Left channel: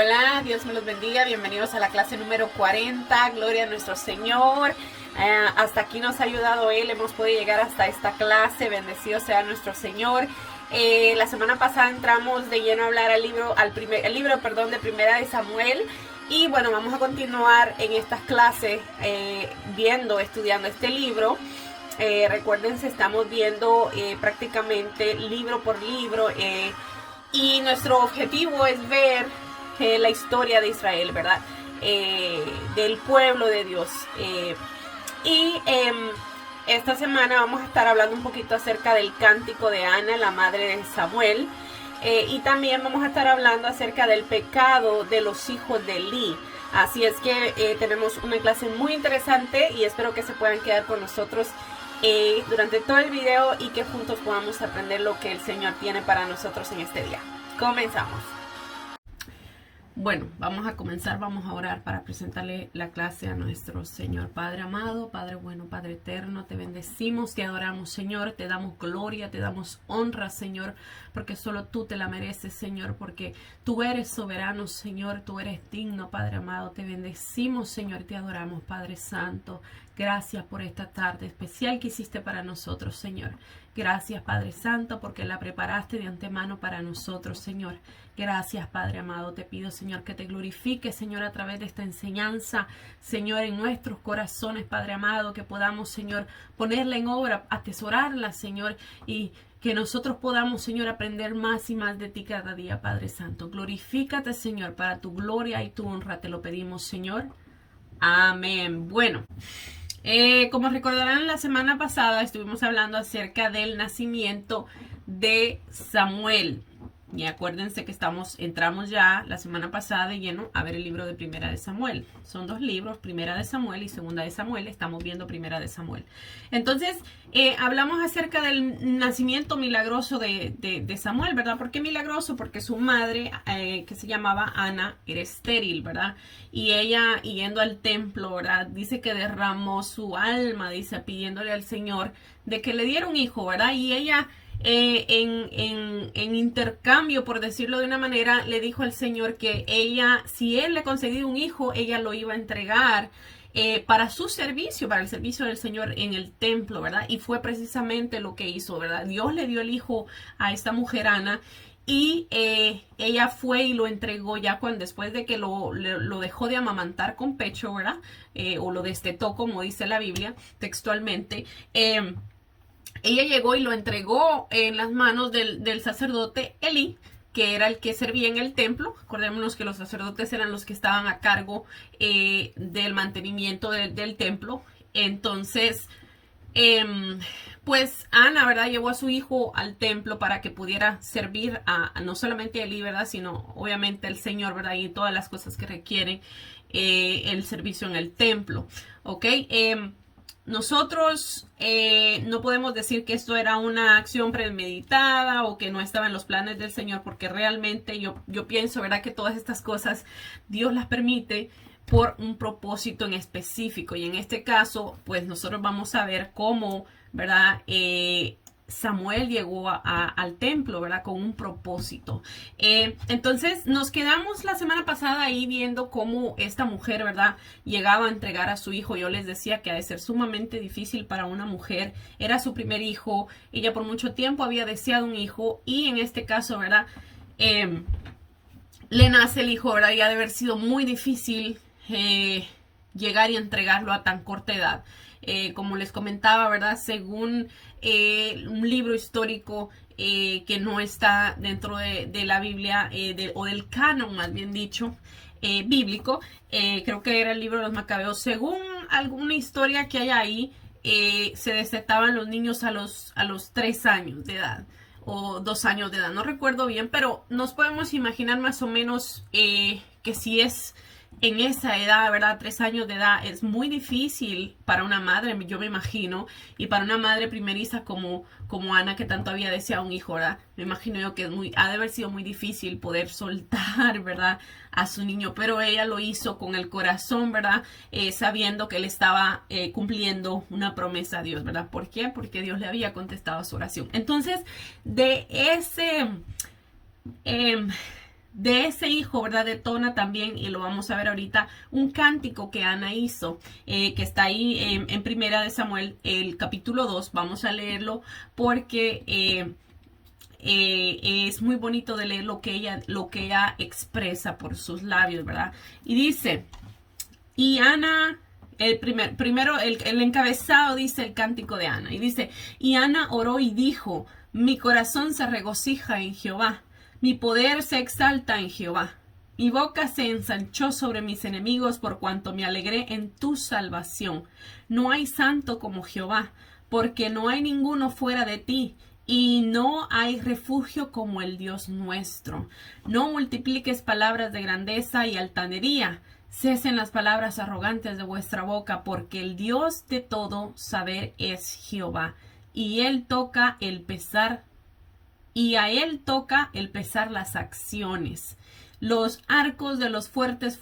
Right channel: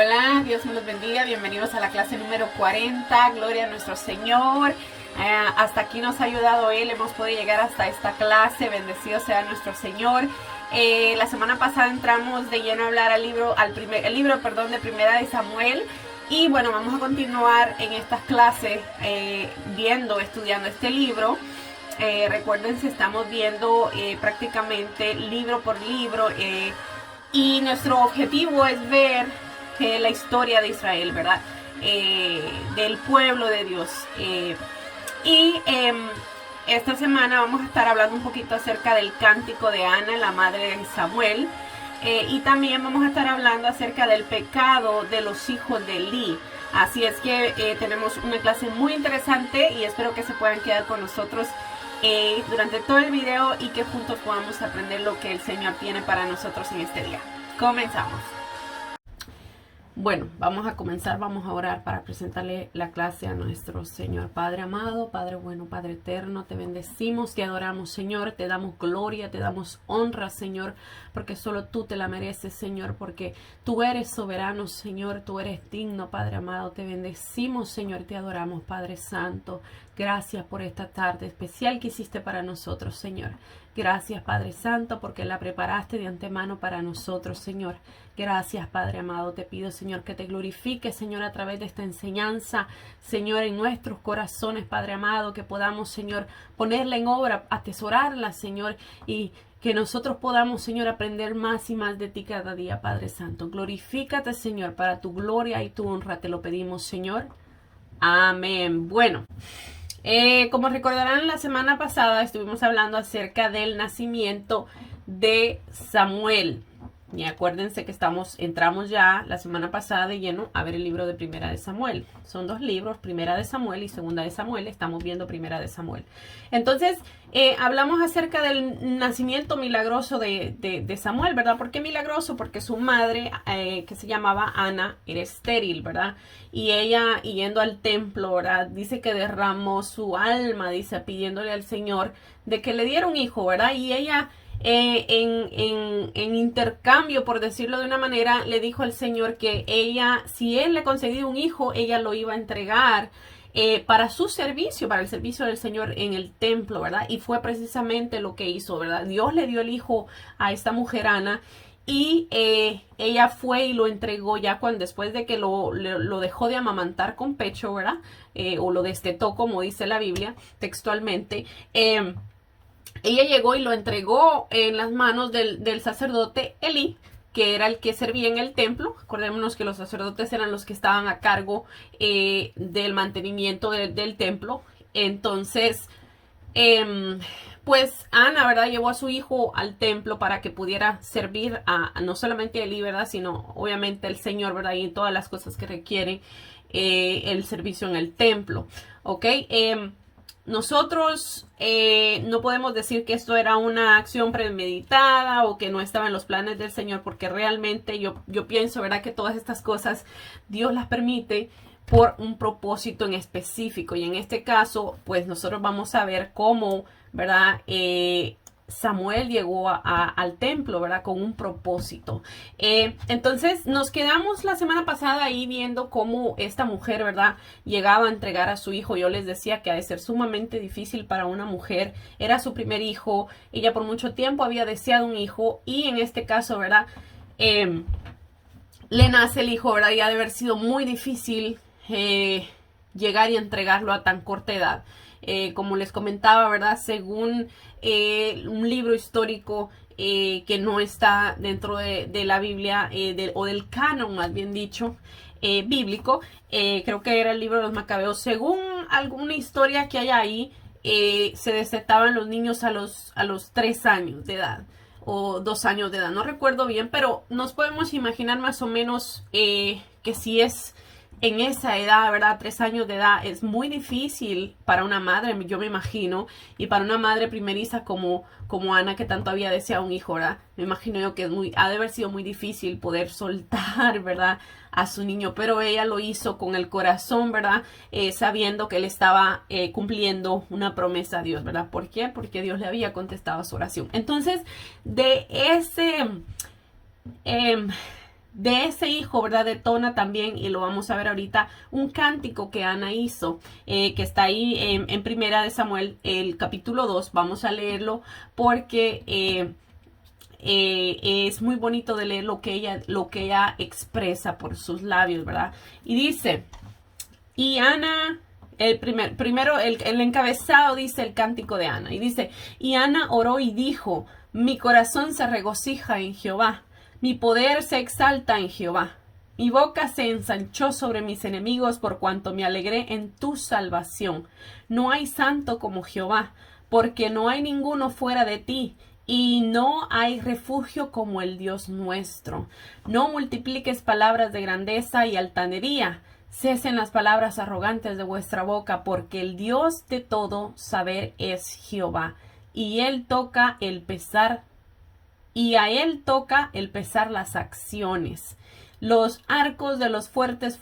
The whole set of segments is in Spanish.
Hola, Dios me los bendiga, bienvenidos a la clase número 40, gloria a nuestro Señor. Hasta aquí nos ha ayudado Él, hemos podido llegar hasta esta clase, bendecido sea nuestro Señor. La semana pasada entramos de lleno a hablar el libro de Primera de Samuel. Y bueno, vamos a continuar en estas clases estudiando este libro. Recuerden, estamos viendo prácticamente libro por libro y nuestro objetivo es ver la historia de Israel, ¿verdad? Del pueblo de Dios. Esta semana vamos a estar hablando un poquito acerca del cántico de Ana, la madre de Samuel. Y también vamos a estar hablando acerca del pecado de los hijos de Eli. Así es que tenemos una clase muy interesante y espero que se puedan quedar con nosotros durante todo el video y que juntos podamos aprender lo que el Señor tiene para nosotros en este día. Comenzamos. Bueno, vamos a comenzar, vamos a orar para presentarle la clase a nuestro Señor. Padre amado, Padre bueno, Padre eterno, te bendecimos, te adoramos, Señor, te damos gloria, te damos honra, Señor, porque solo tú te la mereces, Señor, porque tú eres soberano, Señor, tú eres digno, Padre amado, te bendecimos, Señor, te adoramos, Padre Santo. Gracias por esta tarde especial que hiciste para nosotros, Señor. Gracias, Padre Santo, porque la preparaste de antemano para nosotros, Señor. Gracias, Padre amado. Te pido, Señor, que te glorifiques, Señor, a través de esta enseñanza, Señor, en nuestros corazones, Padre amado, que podamos, Señor, ponerla en obra, atesorarla, Señor, y que nosotros podamos, Señor, aprender más y más de ti cada día, Padre Santo. Glorifícate, Señor, para tu gloria y tu honra. Te lo pedimos, Señor. Amén. Bueno. Como recordarán, la semana pasada estuvimos hablando acerca del nacimiento de Samuel. Y acuérdense que entramos ya la semana pasada de lleno a ver el libro de Primera de Samuel. Son dos libros, Primera de Samuel y Segunda de Samuel. Estamos viendo Primera de Samuel. Entonces, hablamos acerca del nacimiento milagroso de Samuel, ¿verdad? ¿Por qué milagroso? Porque su madre, que se llamaba Ana, era estéril, ¿verdad? Y ella, yendo al templo, ¿verdad? Dice que derramó su alma, dice, pidiéndole al Señor de que le diera un hijo, ¿verdad? Y ella, en intercambio, por decirlo de una manera, le dijo al Señor que ella, si él le concedía un hijo, ella lo iba a entregar para su servicio, para el servicio del Señor en el templo, ¿verdad? Y fue precisamente lo que hizo, ¿verdad? Dios le dio el hijo a esta mujer Ana. Y ella fue y lo entregó ya después de que lo dejó de amamantar con pecho, ¿verdad? O lo destetó, como dice la Biblia textualmente. Ella llegó y lo entregó en las manos del sacerdote Elí, que era el que servía en el templo. Acordémonos que los sacerdotes eran los que estaban a cargo del mantenimiento del templo. Entonces, pues Ana, ¿verdad? Llevó a su hijo al templo para que pudiera servir a no solamente a Elí, ¿verdad? Sino obviamente al Señor, ¿verdad? Y todas las cosas que requieren el servicio en el templo, ¿ok? Nosotros no podemos decir que esto era una acción premeditada o que no estaba en los planes del Señor, porque realmente yo pienso, ¿verdad? Que todas estas cosas Dios las permite por un propósito en específico. Y en este caso, pues nosotros vamos a ver cómo, ¿verdad? Samuel llegó al templo, ¿verdad? Con un propósito. Entonces nos quedamos la semana pasada ahí viendo cómo esta mujer, ¿verdad? Llegaba a entregar a su hijo. Yo les decía que ha de ser sumamente difícil para una mujer. Era su primer hijo. Ella por mucho tiempo había deseado un hijo. Y en este caso, ¿verdad? Le nace el hijo, ¿verdad? Y ha de haber sido muy difícil llegar y entregarlo a tan corta edad. Como les comentaba, ¿verdad? Según un libro histórico que no está dentro de la Biblia o del canon, más bien dicho, bíblico, creo que era el libro de los Macabeos. Según alguna historia que hay ahí, se desetaban los niños a los 3 años de edad o 2 años de edad, no recuerdo bien, pero nos podemos imaginar más o menos que si es en esa edad, ¿verdad? 3 años de edad es muy difícil para una madre, yo me imagino, y para una madre primeriza como Ana, que tanto había deseado un hijo, ¿verdad? Me imagino yo que ha de haber sido muy difícil poder soltar, ¿verdad? A su niño, pero ella lo hizo con el corazón, ¿verdad? Sabiendo que él estaba cumpliendo una promesa a Dios, ¿verdad? ¿Por qué? Porque Dios le había contestado su oración. Entonces, de ese de ese hijo, ¿verdad? Detona también, y lo vamos a ver ahorita, un cántico que Ana hizo, que está ahí en Primera de Samuel, el capítulo 2. Vamos a leerlo porque es muy bonito de leer lo que ella expresa por sus labios, ¿verdad? Y dice, y Ana, primero el encabezado dice el cántico de Ana, y dice, y Ana oró y dijo, mi corazón se regocija en Jehová, mi poder se exalta en Jehová. Mi boca se ensanchó sobre mis enemigos por cuanto me alegré en tu salvación. No hay santo como Jehová, porque no hay ninguno fuera de ti, y no hay refugio como el Dios nuestro. No multipliques palabras de grandeza y altanería. Cesen las palabras arrogantes de vuestra boca, porque el Dios de todo saber es Jehová, y él toca el pesar, y a él toca el pesar las acciones. Los arcos de los fuertes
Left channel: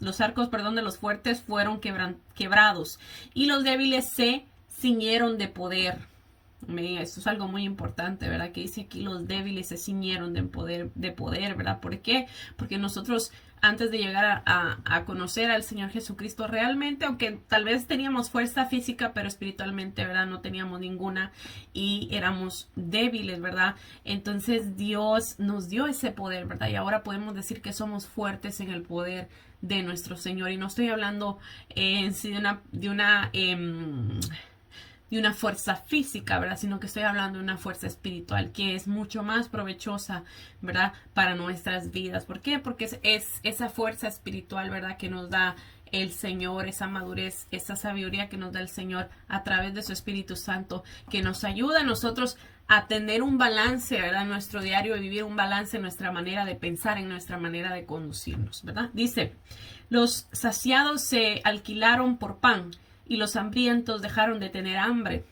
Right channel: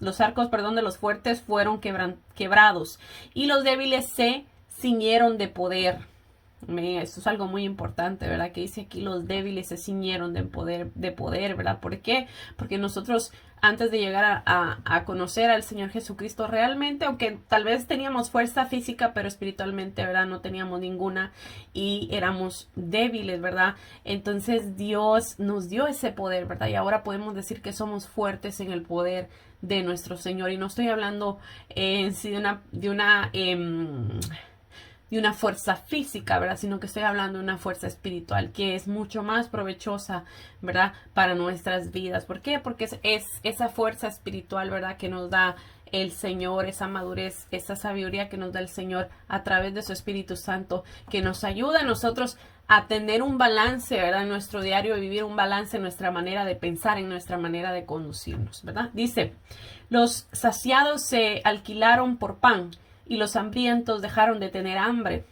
de los fuertes fueron quebrados, y los débiles se ciñeron de poder. Esto es algo muy importante, ¿verdad? Que dice aquí, los débiles se ciñeron de poder, ¿verdad? ¿Por qué? Porque nosotros, antes de llegar a conocer al Señor Jesucristo realmente, aunque tal vez teníamos fuerza física, pero espiritualmente, ¿verdad? No teníamos ninguna y éramos débiles, ¿verdad? Entonces Dios nos dio ese poder, ¿verdad? Y ahora podemos decir que somos fuertes en el poder de nuestro Señor. Y no estoy hablando en sí de una fuerza física, ¿verdad? Sino que estoy hablando de una fuerza espiritual que es mucho más provechosa, ¿verdad? Para nuestras vidas. ¿Por qué? Porque es esa fuerza espiritual, ¿verdad? Que nos da el Señor, esa madurez, esa sabiduría que nos da el Señor a través de su Espíritu Santo, que nos ayuda a nosotros a tener un balance, ¿verdad? En nuestro diario, vivir un balance en nuestra manera de pensar, en nuestra manera de conducirnos, ¿verdad? Dice, los saciados se alquilaron por pan, y los hambrientos dejaron de tener hambre.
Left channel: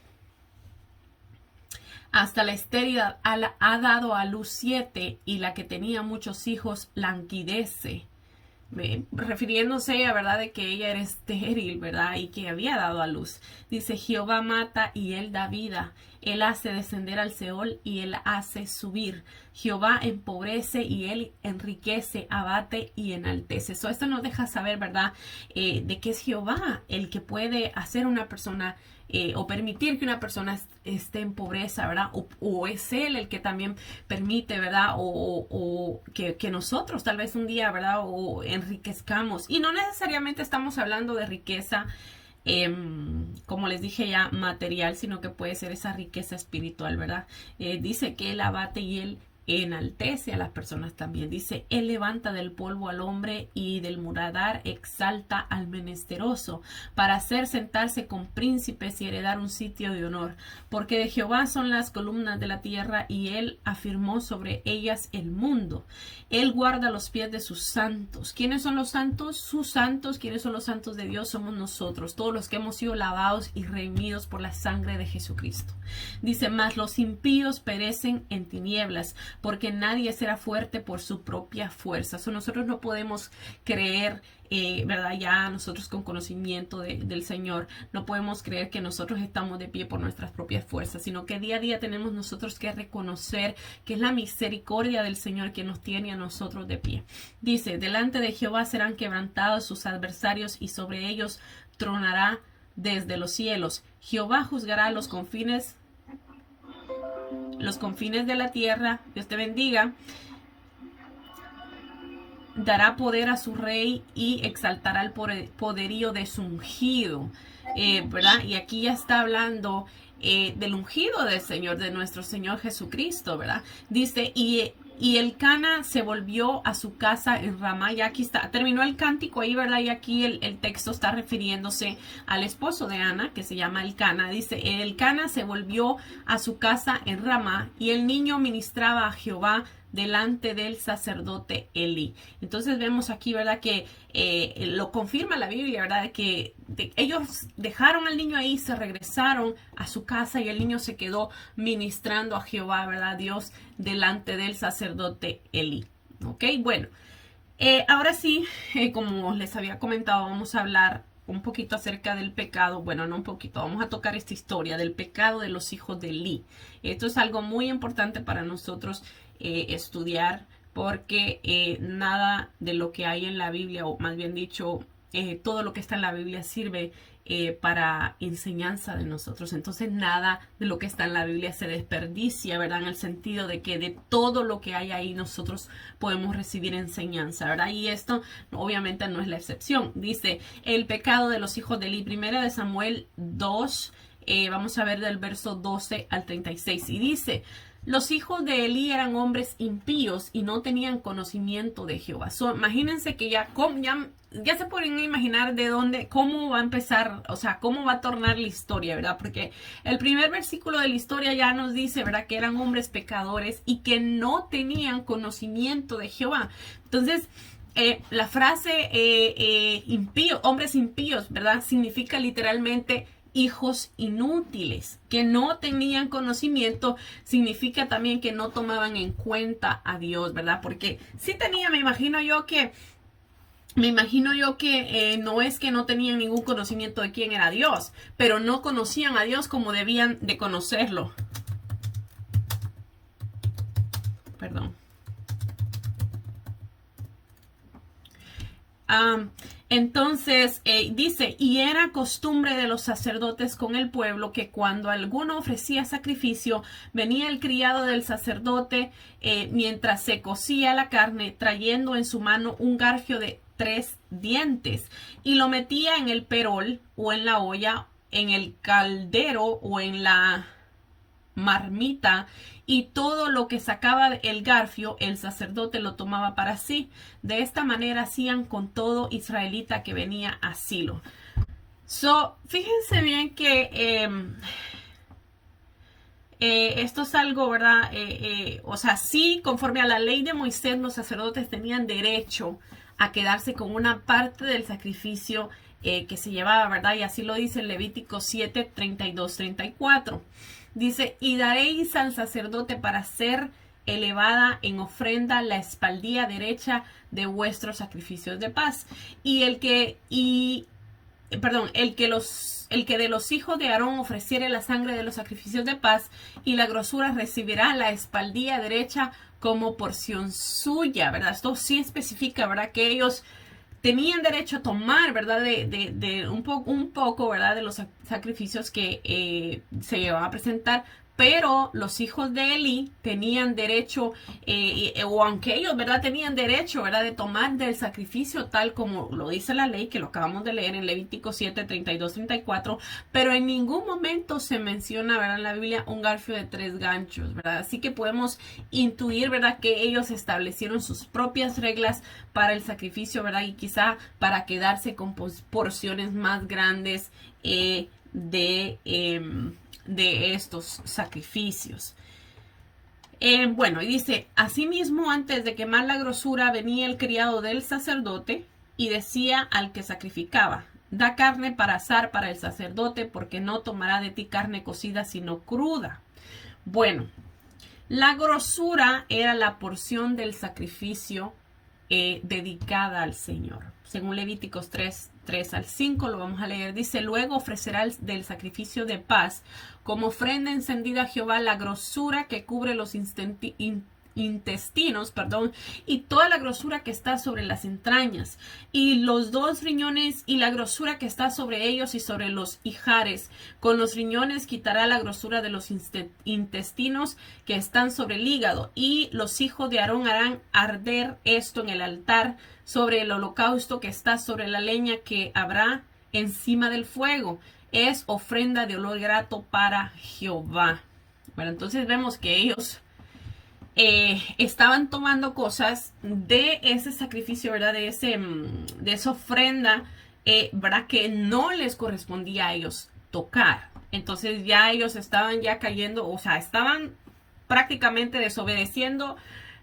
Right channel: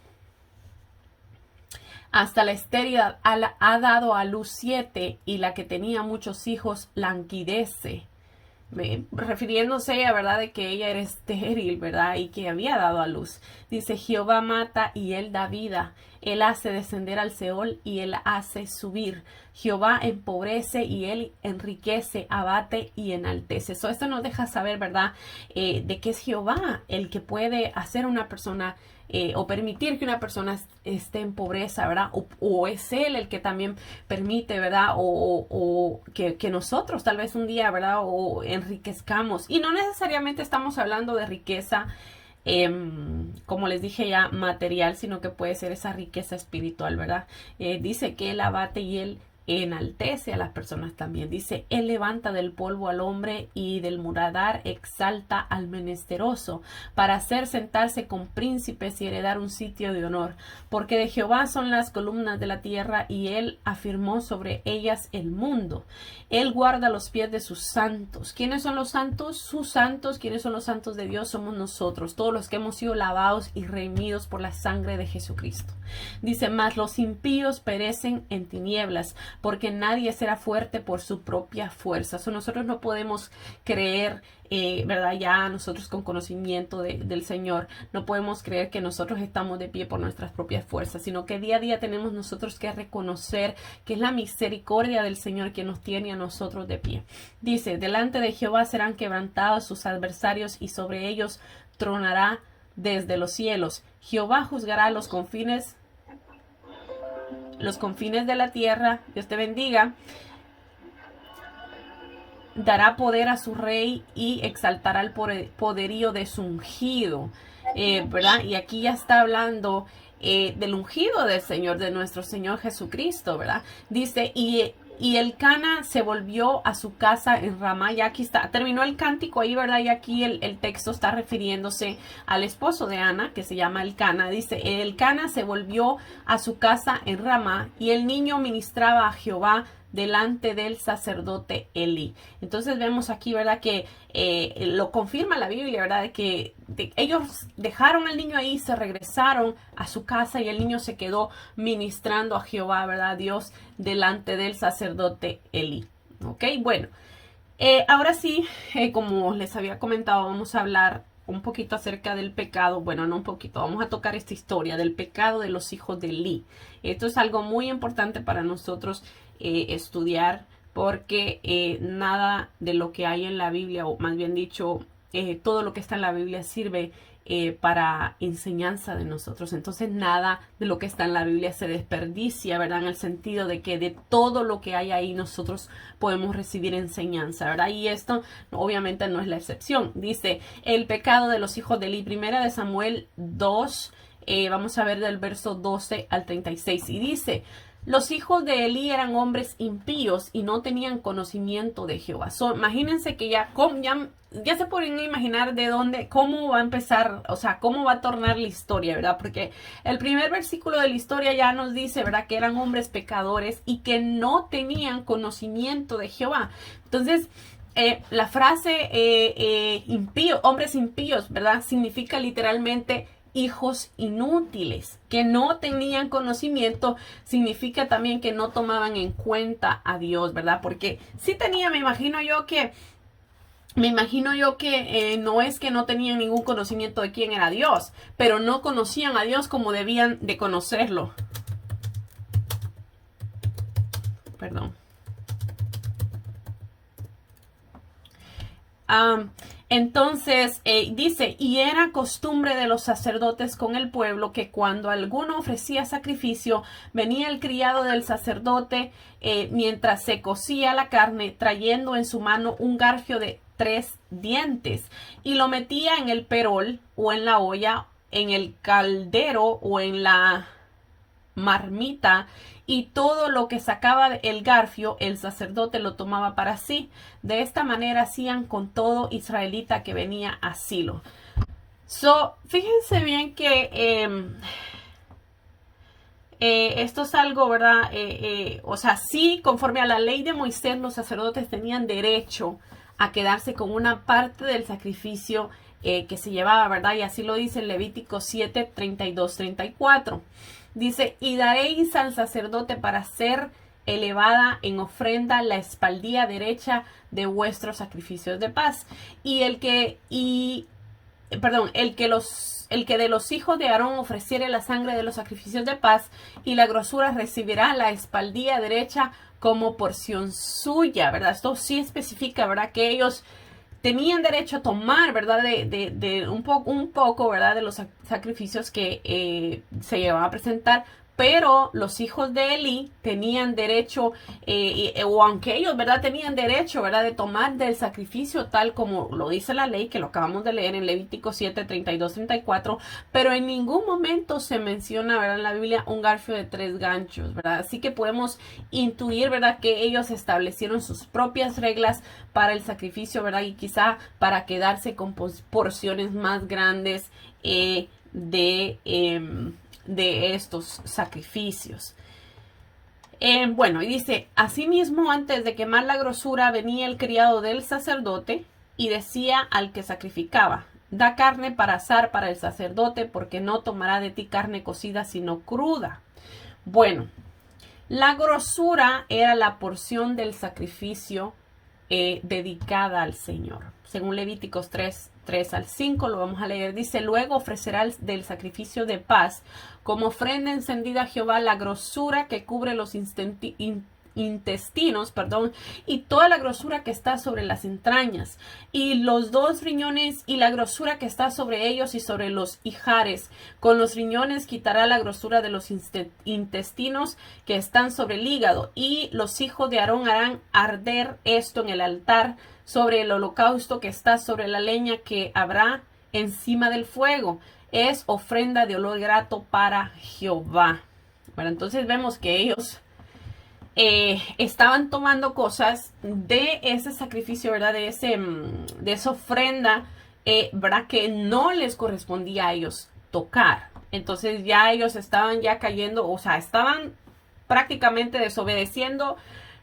Hasta la estéril ha dado a luz 7, y la que tenía muchos hijos languidece. Refiriéndose a verdad de que ella era estéril, verdad, y que había dado a luz. Dice, Jehová mata y él da vida, él hace descender al Seol y él hace subir. Jehová empobrece y él enriquece, abate y enaltece. Esto nos deja saber, verdad, de que es Jehová el que puede hacer a una persona o permitir que una persona esté en pobreza, ¿verdad? O es Él el que también permite, ¿verdad? O que nosotros tal vez un día, ¿verdad? O enriquezcamos. Y no necesariamente estamos hablando de riqueza, como les dije ya, material, sino que puede ser esa riqueza espiritual, ¿verdad? Dice que Él abate y Él enaltece a las personas también. Dice, él levanta del polvo al hombre y del muladar exalta al menesteroso para hacer sentarse con príncipes y heredar un sitio de honor. Porque de Jehová son las columnas de la tierra y él afirmó sobre ellas el mundo. Él guarda los pies de sus santos. ¿Quiénes son los santos? Sus santos. ¿Quiénes son los santos de Dios? Somos nosotros, todos los que hemos sido lavados y redimidos por la sangre de Jesucristo. Dice, mas los impíos perecen en tinieblas, porque nadie será fuerte por su propia fuerza. Nosotros no podemos creer, ¿verdad? Ya nosotros con conocimiento del Señor, no podemos creer que nosotros estamos de pie por nuestras propias fuerzas, sino que día a día tenemos nosotros que reconocer que es la misericordia del Señor que nos tiene a nosotros de pie. Dice, delante de Jehová serán quebrantados sus adversarios y sobre ellos tronará desde los cielos. Jehová juzgará los confines de la tierra. Dios te bendiga. Dará poder a su rey y exaltará el poderío de su ungido, ¿verdad? Y aquí ya está hablando del ungido del Señor, de nuestro Señor Jesucristo, ¿verdad? Dice, y el Cana se volvió a su casa en Ramá. Y aquí está, terminó el cántico ahí, ¿verdad? Y aquí el texto está refiriéndose al esposo de Ana, que se llama el Cana. Dice, el Cana se volvió a su casa en Ramá y el niño ministraba a Jehová delante del sacerdote Elí. Entonces vemos aquí, ¿verdad? Que lo confirma la Biblia, ¿verdad? Que ellos dejaron al niño ahí, se regresaron a su casa y el niño se quedó ministrando a Jehová, ¿verdad? Dios delante del sacerdote Elí. ¿Ok? Bueno, ahora sí, como les había comentado, vamos a hablar un poquito acerca del pecado. Bueno, no un poquito, vamos a tocar esta historia del pecado de los hijos de Eli. Esto es algo muy importante para nosotros estudiar, porque nada de lo que hay en la Biblia, o más bien dicho, todo lo que está en la Biblia sirve para enseñanza de nosotros. Entonces nada de lo que está en la Biblia se desperdicia, ¿verdad? En el sentido de que de todo lo que hay ahí nosotros podemos recibir enseñanza, ¿verdad? Y esto obviamente no es la excepción. Dice, el pecado de los hijos de Eli, primera de Samuel 2, vamos a ver del verso 12 al 36. Y dice, los hijos de Eli eran hombres impíos y no tenían conocimiento de Jehová. Imagínense que ya se pueden imaginar de dónde, cómo va a empezar, o sea, cómo va a tornar la historia, ¿verdad? Porque el primer versículo de la historia ya nos dice, ¿verdad? Que eran hombres pecadores y que no tenían conocimiento de Jehová. Entonces, la frase hombres impíos, ¿verdad? Significa literalmente hijos inútiles, que no tenían conocimiento. Significa también que no tomaban en cuenta a Dios, ¿verdad? Porque sí tenía, me imagino yo que no es que no tenían ningún conocimiento de quién era Dios, pero no conocían a Dios como debían de conocerlo. Perdón. Entonces dice, y era costumbre de los sacerdotes con el pueblo que cuando alguno ofrecía sacrificio, venía el criado del sacerdote mientras se cocía la carne, trayendo en su mano un garfio de 3 dientes, y lo metía en el perol o en la olla, en el caldero o en la marmita, y todo lo que sacaba el garfio el sacerdote lo tomaba para sí. De esta manera hacían con todo israelita que venía a Silo. Fíjense bien que esto es algo, ¿verdad? O sea, sí, conforme a la ley de Moisés, los sacerdotes tenían derecho a quedarse con una parte del sacrificio que se llevaba, ¿verdad? Y así lo dice en Levítico 7, 32, 34. Dice, y daréis al sacerdote para ser elevada en ofrenda la espaldilla derecha de vuestros sacrificios de paz. El que de los hijos de Aarón ofreciere la sangre de los sacrificios de paz, y la grosura recibirá la espaldilla derecha como porción suya, ¿verdad? Esto sí especifica, ¿verdad? Que ellos tenían derecho a tomar, ¿verdad? De un poco, ¿verdad? De los sacrificios que se llevaban a presentar. Pero los hijos de Eli tenían derecho, o aunque ellos, ¿verdad? Tenían derecho, ¿verdad? De tomar del sacrificio tal como lo dice la ley, que lo acabamos de leer en Levítico 7, 32, 34. Pero en ningún momento se menciona, ¿verdad? En la Biblia un garfio de 3 ganchos, ¿verdad? Así que podemos intuir, ¿verdad? Que ellos establecieron sus propias reglas para el sacrificio, ¿verdad? Y quizá para quedarse con porciones más grandes de estos sacrificios. Bueno, y dice, asimismo, antes de quemar la grosura, venía el criado del sacerdote y decía al que sacrificaba, da carne para asar para el sacerdote, porque no tomará de ti carne cocida, sino cruda. Bueno, la grosura era la porción del sacrificio dedicada al Señor. Según Levíticos 3 al 5, lo vamos a leer. Dice, luego ofrecerá del sacrificio de paz como ofrenda encendida a Jehová la grosura que cubre los intestinos, y toda la grosura que está sobre las entrañas, y los 2 riñones, y la grosura que está sobre ellos y sobre los ijares. Con los riñones quitará la grosura de los intestinos que están sobre el hígado, y los hijos de Aarón harán arder esto en el altar sobre el holocausto que está sobre la leña que habrá encima del fuego. Es ofrenda de olor grato para Jehová. Bueno, entonces vemos que ellos estaban tomando cosas de ese sacrificio, ¿verdad? De esa ofrenda, ¿verdad? Que no les correspondía a ellos tocar. Entonces ya ellos estaban ya cayendo, o sea, estaban prácticamente desobedeciendo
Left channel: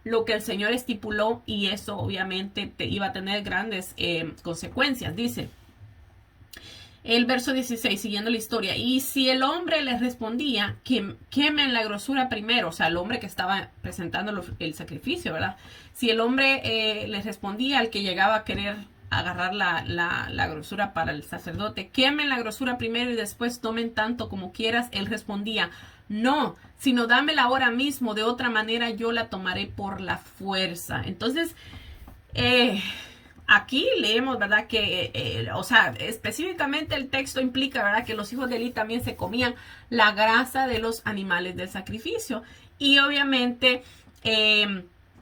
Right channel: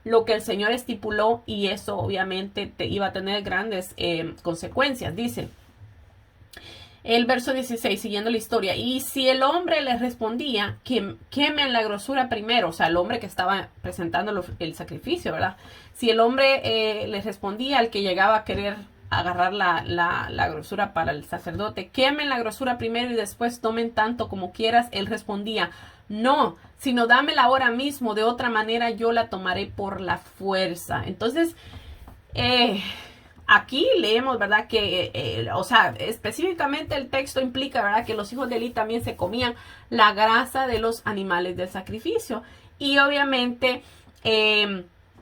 lo que el Señor estipuló, y eso obviamente iba a tener grandes consecuencias. Dice el verso 16, siguiendo la historia, y si el hombre les respondía, que quemen la grosura primero, o sea, el hombre que estaba presentando el sacrificio, ¿verdad? Si el hombre les respondía al que llegaba a querer agarrar la grosura para el sacerdote. Quemen la grosura primero y después tomen tanto como quieras. Él respondía, no, sino dámela ahora mismo, de otra manera yo la tomaré por la fuerza. Entonces, aquí leemos, ¿verdad? Que, o sea, específicamente el texto implica, ¿verdad? Que los hijos de Eli también se comían la grasa de los animales del sacrificio. Y obviamente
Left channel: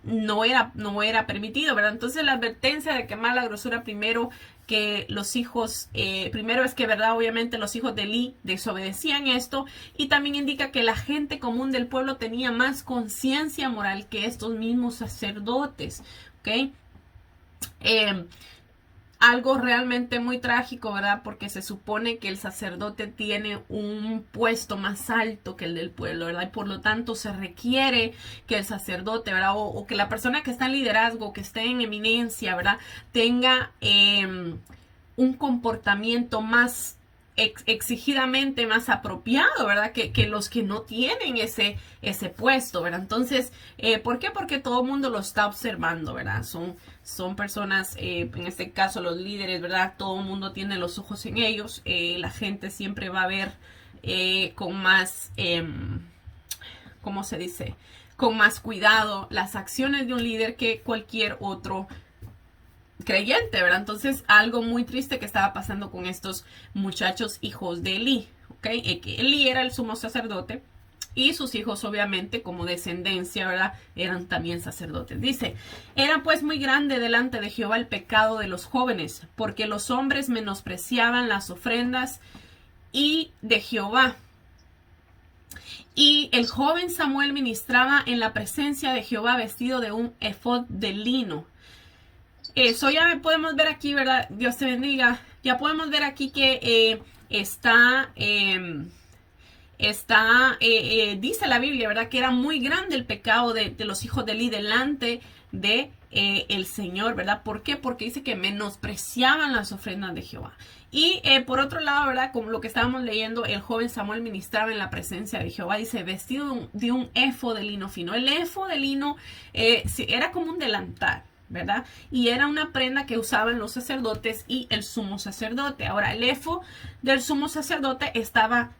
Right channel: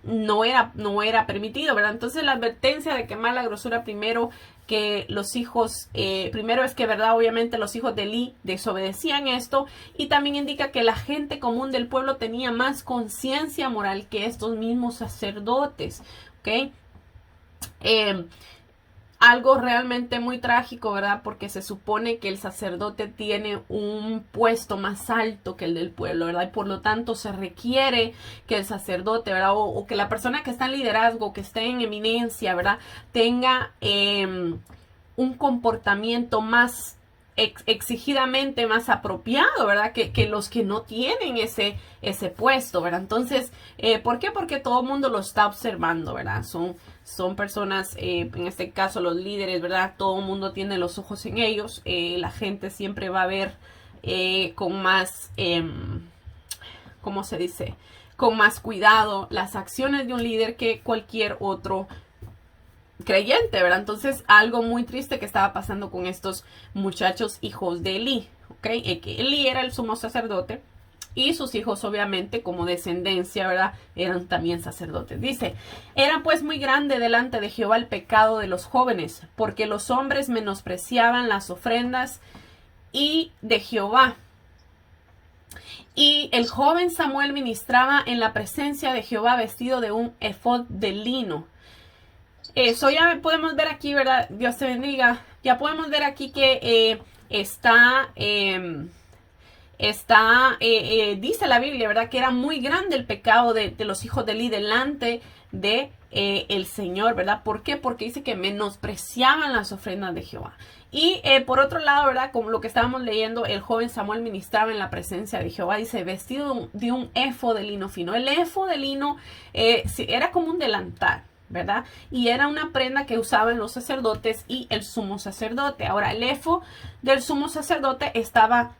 no era permitido, ¿verdad? Entonces la advertencia de quemar la grosura primero, que los hijos, primero es que, ¿verdad? Obviamente los hijos de Eli desobedecían esto, y también indica que la gente común del pueblo tenía más conciencia moral que estos mismos sacerdotes, ¿ok? Algo realmente muy trágico, ¿verdad? Porque se supone que el sacerdote tiene un puesto más alto que el del pueblo, ¿verdad? Y por lo tanto se requiere que el sacerdote, ¿verdad? O que la persona que está en liderazgo, que esté en eminencia, ¿verdad? Tenga un comportamiento más exigidamente más apropiado, ¿verdad? Que los que no tienen ese puesto, ¿verdad? Entonces, ¿por qué? Porque todo el mundo lo está observando, ¿verdad? Son personas, en este caso los líderes, ¿verdad? Todo el mundo tiene los ojos en ellos. La gente siempre va a ver con más, ¿cómo se dice? Con más cuidado las acciones de un líder que cualquier otro creyente, ¿verdad? Entonces, algo muy triste que estaba pasando con estos muchachos hijos de Eli, ¿ok? Que Eli era el sumo sacerdote y sus hijos, obviamente, como descendencia, ¿verdad? Eran también sacerdotes. Dice, era pues muy grande delante de Jehová el pecado de los jóvenes, porque los hombres menospreciaban las ofrendas y de Jehová. Y el joven Samuel ministraba en la presencia de Jehová vestido de un efod de lino. Eso ya podemos ver aquí, ¿verdad? Dios te bendiga. Ya podemos ver aquí que dice la Biblia, ¿verdad? Que era muy grande el pecado de los hijos de Eli delante de el Señor, ¿verdad? ¿Por qué? Porque dice que menospreciaban las ofrendas de Jehová. Y por otro lado, ¿verdad? Como lo que estábamos leyendo, el joven Samuel ministraba en la presencia de Jehová, dice, vestido de un efod de lino fino. El efod de lino era como un delantal, ¿verdad? Y era una prenda que usaban los sacerdotes y el sumo sacerdote. Ahora, el efod del sumo sacerdote estaba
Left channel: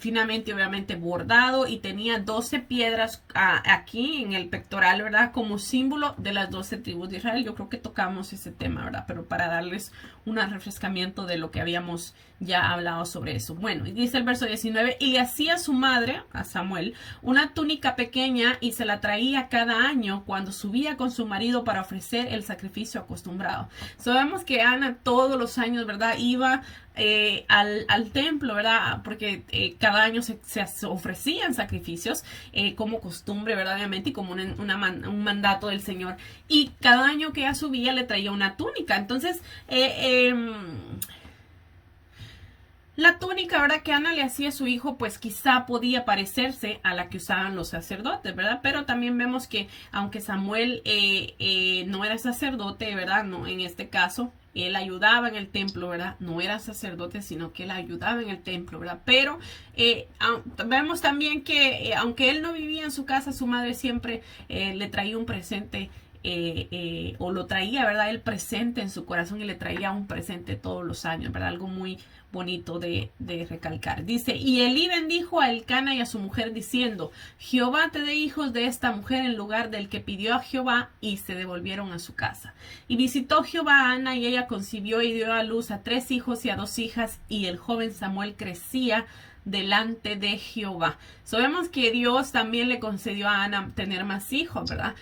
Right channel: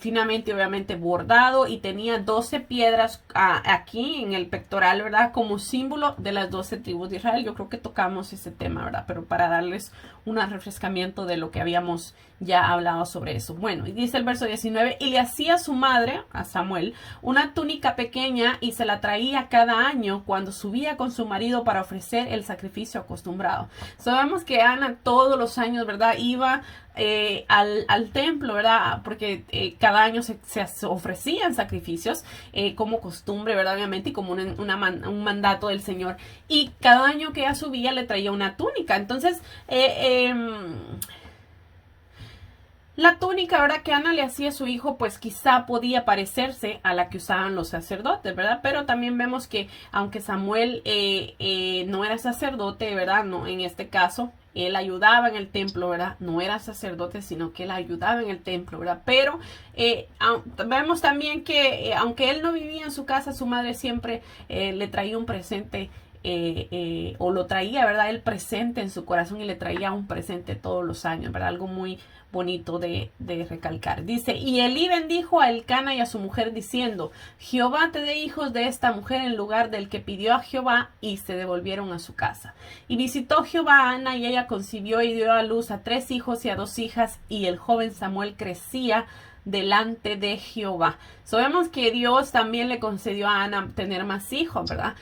finamente, obviamente, bordado y tenía 12 piedras aquí en el pectoral, ¿verdad? Como símbolo de las 12 tribus de Israel. Yo creo que tocamos ese tema, ¿verdad? Pero para darles un refrescamiento de lo que habíamos ya hablado sobre eso. Bueno, y dice el verso 19, y le hacía a su madre, a Samuel, una túnica pequeña y se la traía cada año cuando subía con su marido para ofrecer el sacrificio acostumbrado. Sabemos que Ana todos los años, ¿verdad? Iba al templo, ¿verdad? Porque cada año se ofrecían sacrificios como costumbre, ¿verdad? Obviamente, y como un mandato del Señor. Y cada año que ella subía le traía una túnica. Entonces, la túnica, ¿verdad? Que Ana le hacía a su hijo, pues quizá podía parecerse a la que usaban los sacerdotes, ¿verdad? Pero también vemos que aunque Samuel no era sacerdote, ¿verdad? No, en este caso, él ayudaba en el templo, ¿verdad? No era sacerdote, sino que él ayudaba en el templo, ¿verdad? Pero vemos también que aunque él no vivía en su casa, su madre siempre le traía un presente. O lo traía, ¿verdad? El presente en su corazón y le traía un presente todos los años, ¿verdad? Algo muy bonito de recalcar. Dice, y Elí bendijo a Elcana y a su mujer diciendo, Jehová te dé hijos de esta mujer en lugar del que pidió a Jehová, y se devolvieron a su casa. Y visitó Jehová a Ana y ella concibió y dio a luz a 3 hijos y a 2 hijas, y el joven Samuel crecía delante de Jehová. Sabemos que Dios también le concedió a Ana tener más hijos, ¿verdad?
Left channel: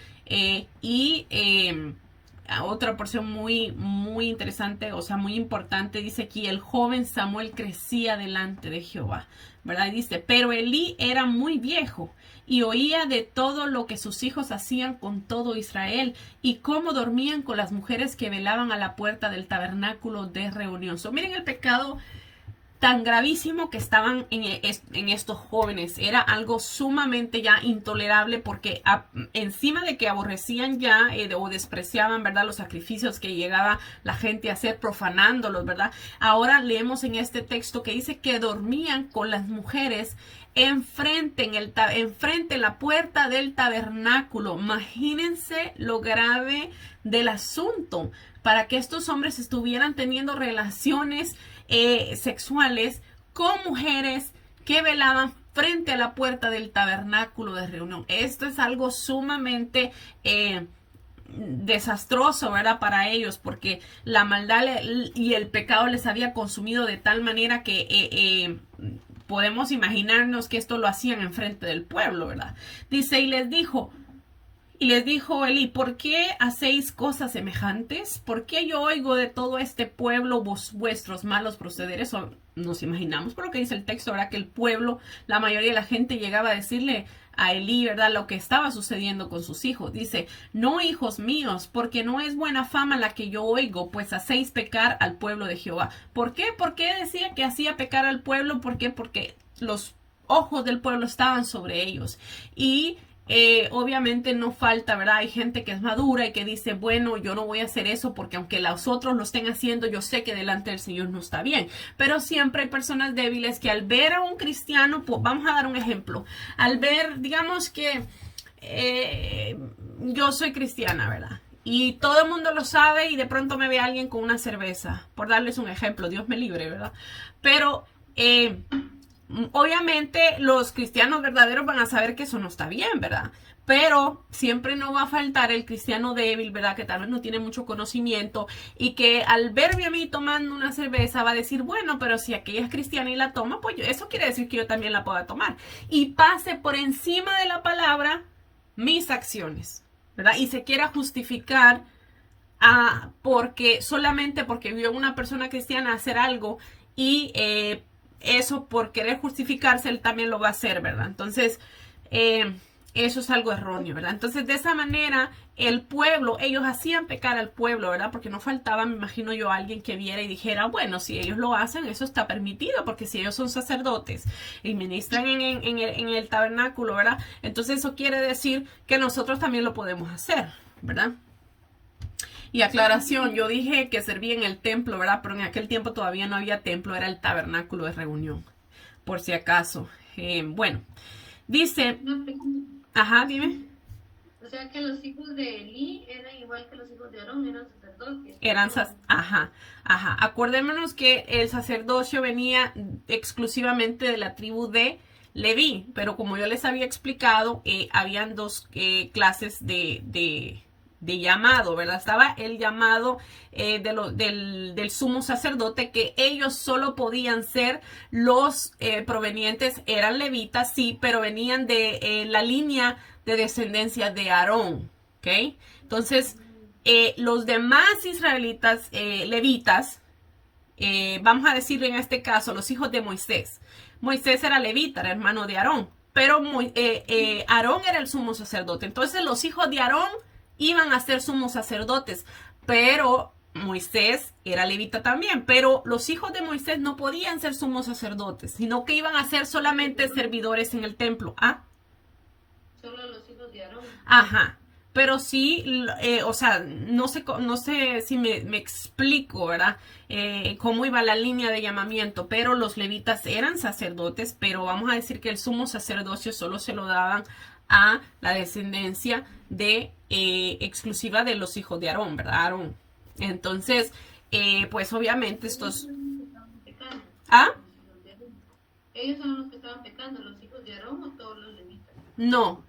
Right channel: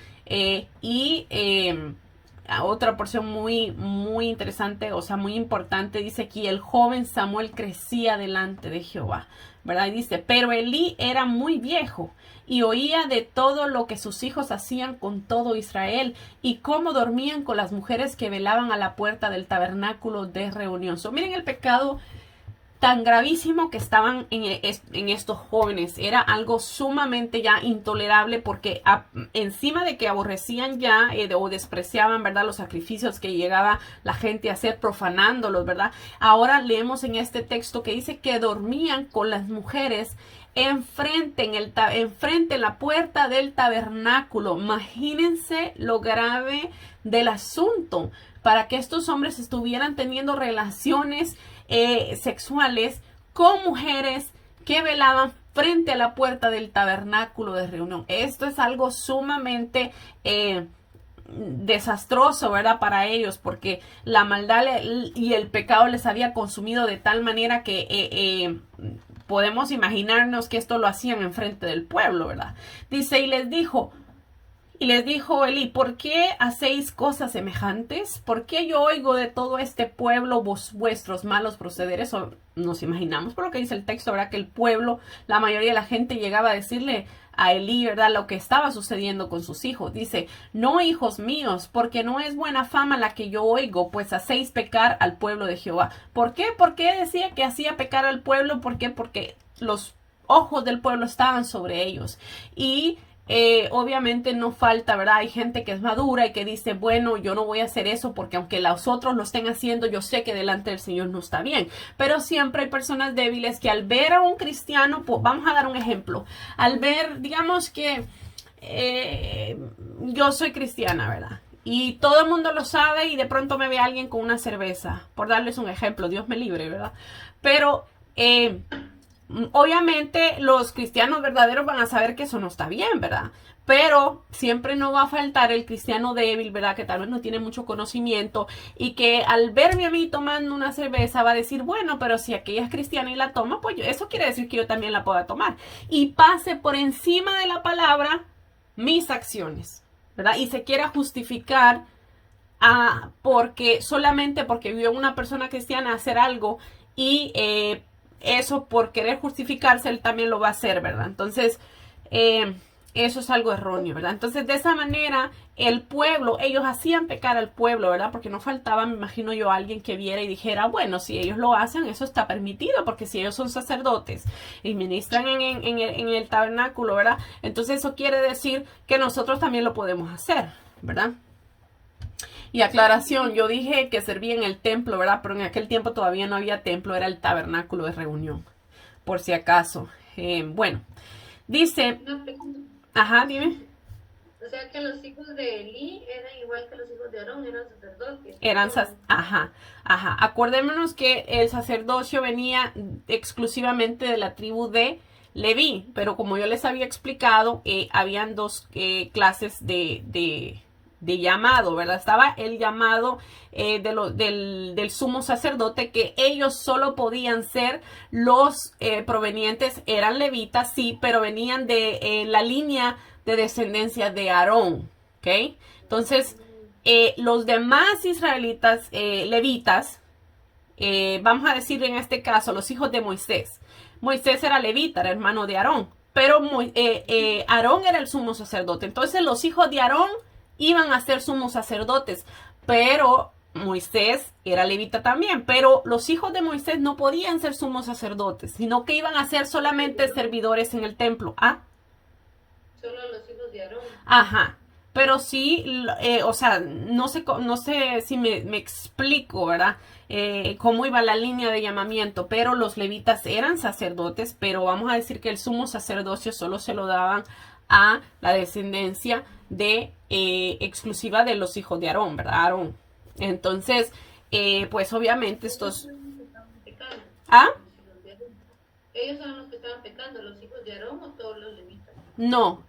Otra porción muy interesante, o sea, muy importante, dice aquí, el joven Samuel crecía delante de Jehová, ¿verdad? Dice, pero Elí era muy viejo y oía de todo lo que sus hijos hacían con todo Israel y cómo dormían con las mujeres que velaban a la puerta del tabernáculo de reunión. Miren el pecado tan gravísimo que estaban en estos jóvenes. Era algo sumamente ya intolerable porque encima de que aborrecían ya o despreciaban, ¿verdad? Los sacrificios que llegaba la gente a hacer profanándolos, ¿verdad? Ahora leemos en este texto que dice que dormían con las mujeres enfrente en la puerta del tabernáculo. Imagínense lo grave del asunto. para que estos hombres estuvieran teniendo relaciones sexuales con mujeres que velaban frente a la puerta del tabernáculo de reunión. Esto es algo sumamente desastroso, ¿verdad? Para ellos, porque la maldad y el pecado les había consumido de tal manera que podemos imaginarnos que esto lo hacían enfrente del pueblo, ¿verdad? Dice, y les dijo Elí, ¿por qué hacéis cosas semejantes? ¿Por qué yo oigo de todo este pueblo vuestros malos procederes? O nos imaginamos por lo que dice el texto, ¿verdad? Que el pueblo, la mayoría de la gente llegaba a decirle a Elí, ¿verdad? Lo que estaba sucediendo con sus hijos. Dice, no, hijos míos, porque no es buena fama la que yo oigo, pues hacéis pecar al pueblo de Jehová. ¿Por qué? ¿Por qué decía que hacía pecar al pueblo? ¿Por qué? Porque los ojos del pueblo estaban sobre ellos. Y obviamente no falta, ¿verdad? Hay gente que es madura y que dice, bueno, yo no voy a hacer eso porque aunque los otros lo estén haciendo, yo sé que delante del Señor no está bien. Pero siempre hay personas débiles que al ver a un cristiano, pues, vamos a dar un ejemplo, al ver, digamos que yo soy cristiana, ¿verdad? Y todo el mundo lo sabe y de pronto me ve alguien con una cerveza, por darles un ejemplo, Dios me libre, ¿verdad? Pero obviamente los cristianos verdaderos van a saber que eso no está bien, ¿verdad? Pero siempre no va a faltar el cristiano débil, ¿verdad? Que tal vez no tiene mucho conocimiento y que al verme a mí tomando una cerveza va a decir, bueno, pero si aquella es cristiana y la toma, pues eso quiere decir que yo también la pueda tomar. Y pase por encima de la palabra mis acciones, ¿verdad? Y se quiera justificar porque solamente porque vio una persona cristiana hacer algo y eso por querer justificarse, él también lo va a hacer, ¿verdad? Entonces, eso es algo erróneo, ¿verdad? Entonces, de esa manera, el pueblo, ellos hacían pecar al pueblo, ¿verdad? Porque no faltaba, me imagino yo, alguien que viera y dijera, bueno, si ellos lo hacen, eso está permitido, porque si ellos son sacerdotes y ministran en el tabernáculo, ¿verdad? Entonces, eso quiere decir que nosotros también lo podemos hacer, ¿verdad? Y aclaración, yo dije que servía en el templo, ¿verdad? Pero en aquel tiempo todavía no había templo, era el tabernáculo de reunión, por si acaso. Bueno, dice, ajá, dime. O sea que los hijos de Elí eran igual que los hijos de Aarón, eran sacerdotes. Ajá, ajá. Acordémonos que el sacerdocio venía exclusivamente de la tribu de Leví, pero como yo les había explicado, habían dos clases de llamado, ¿verdad? Estaba el llamado del sumo sacerdote, que ellos solo podían ser los provenientes, eran levitas, sí, pero venían de la línea de descendencia de Aarón, ¿ok? Entonces, los demás israelitas, levitas, vamos a decir en este caso, los hijos de Moisés. Moisés era levita, era hermano de Aarón, pero Aarón era el sumo sacerdote. Entonces, los hijos de Aarón iban a ser sumos sacerdotes, pero Moisés era levita también, pero los hijos de Moisés no podían ser sumos sacerdotes, sino que iban a ser solamente servidores en el templo. ¿Ah? Solo los hijos de Aarón. Ajá. Pero sí, o sea, no sé si me explico, ¿verdad? Cómo iba la línea de llamamiento, pero los levitas eran sacerdotes, pero vamos a decir que el sumo sacerdocio solo se lo daban a la descendencia de exclusiva de los hijos de Aarón, ¿verdad? Aarón. Entonces, pues obviamente estos... ¿Ah? Ellos son los que estaban pecando, los hijos de Aarón o todos los levitas. No,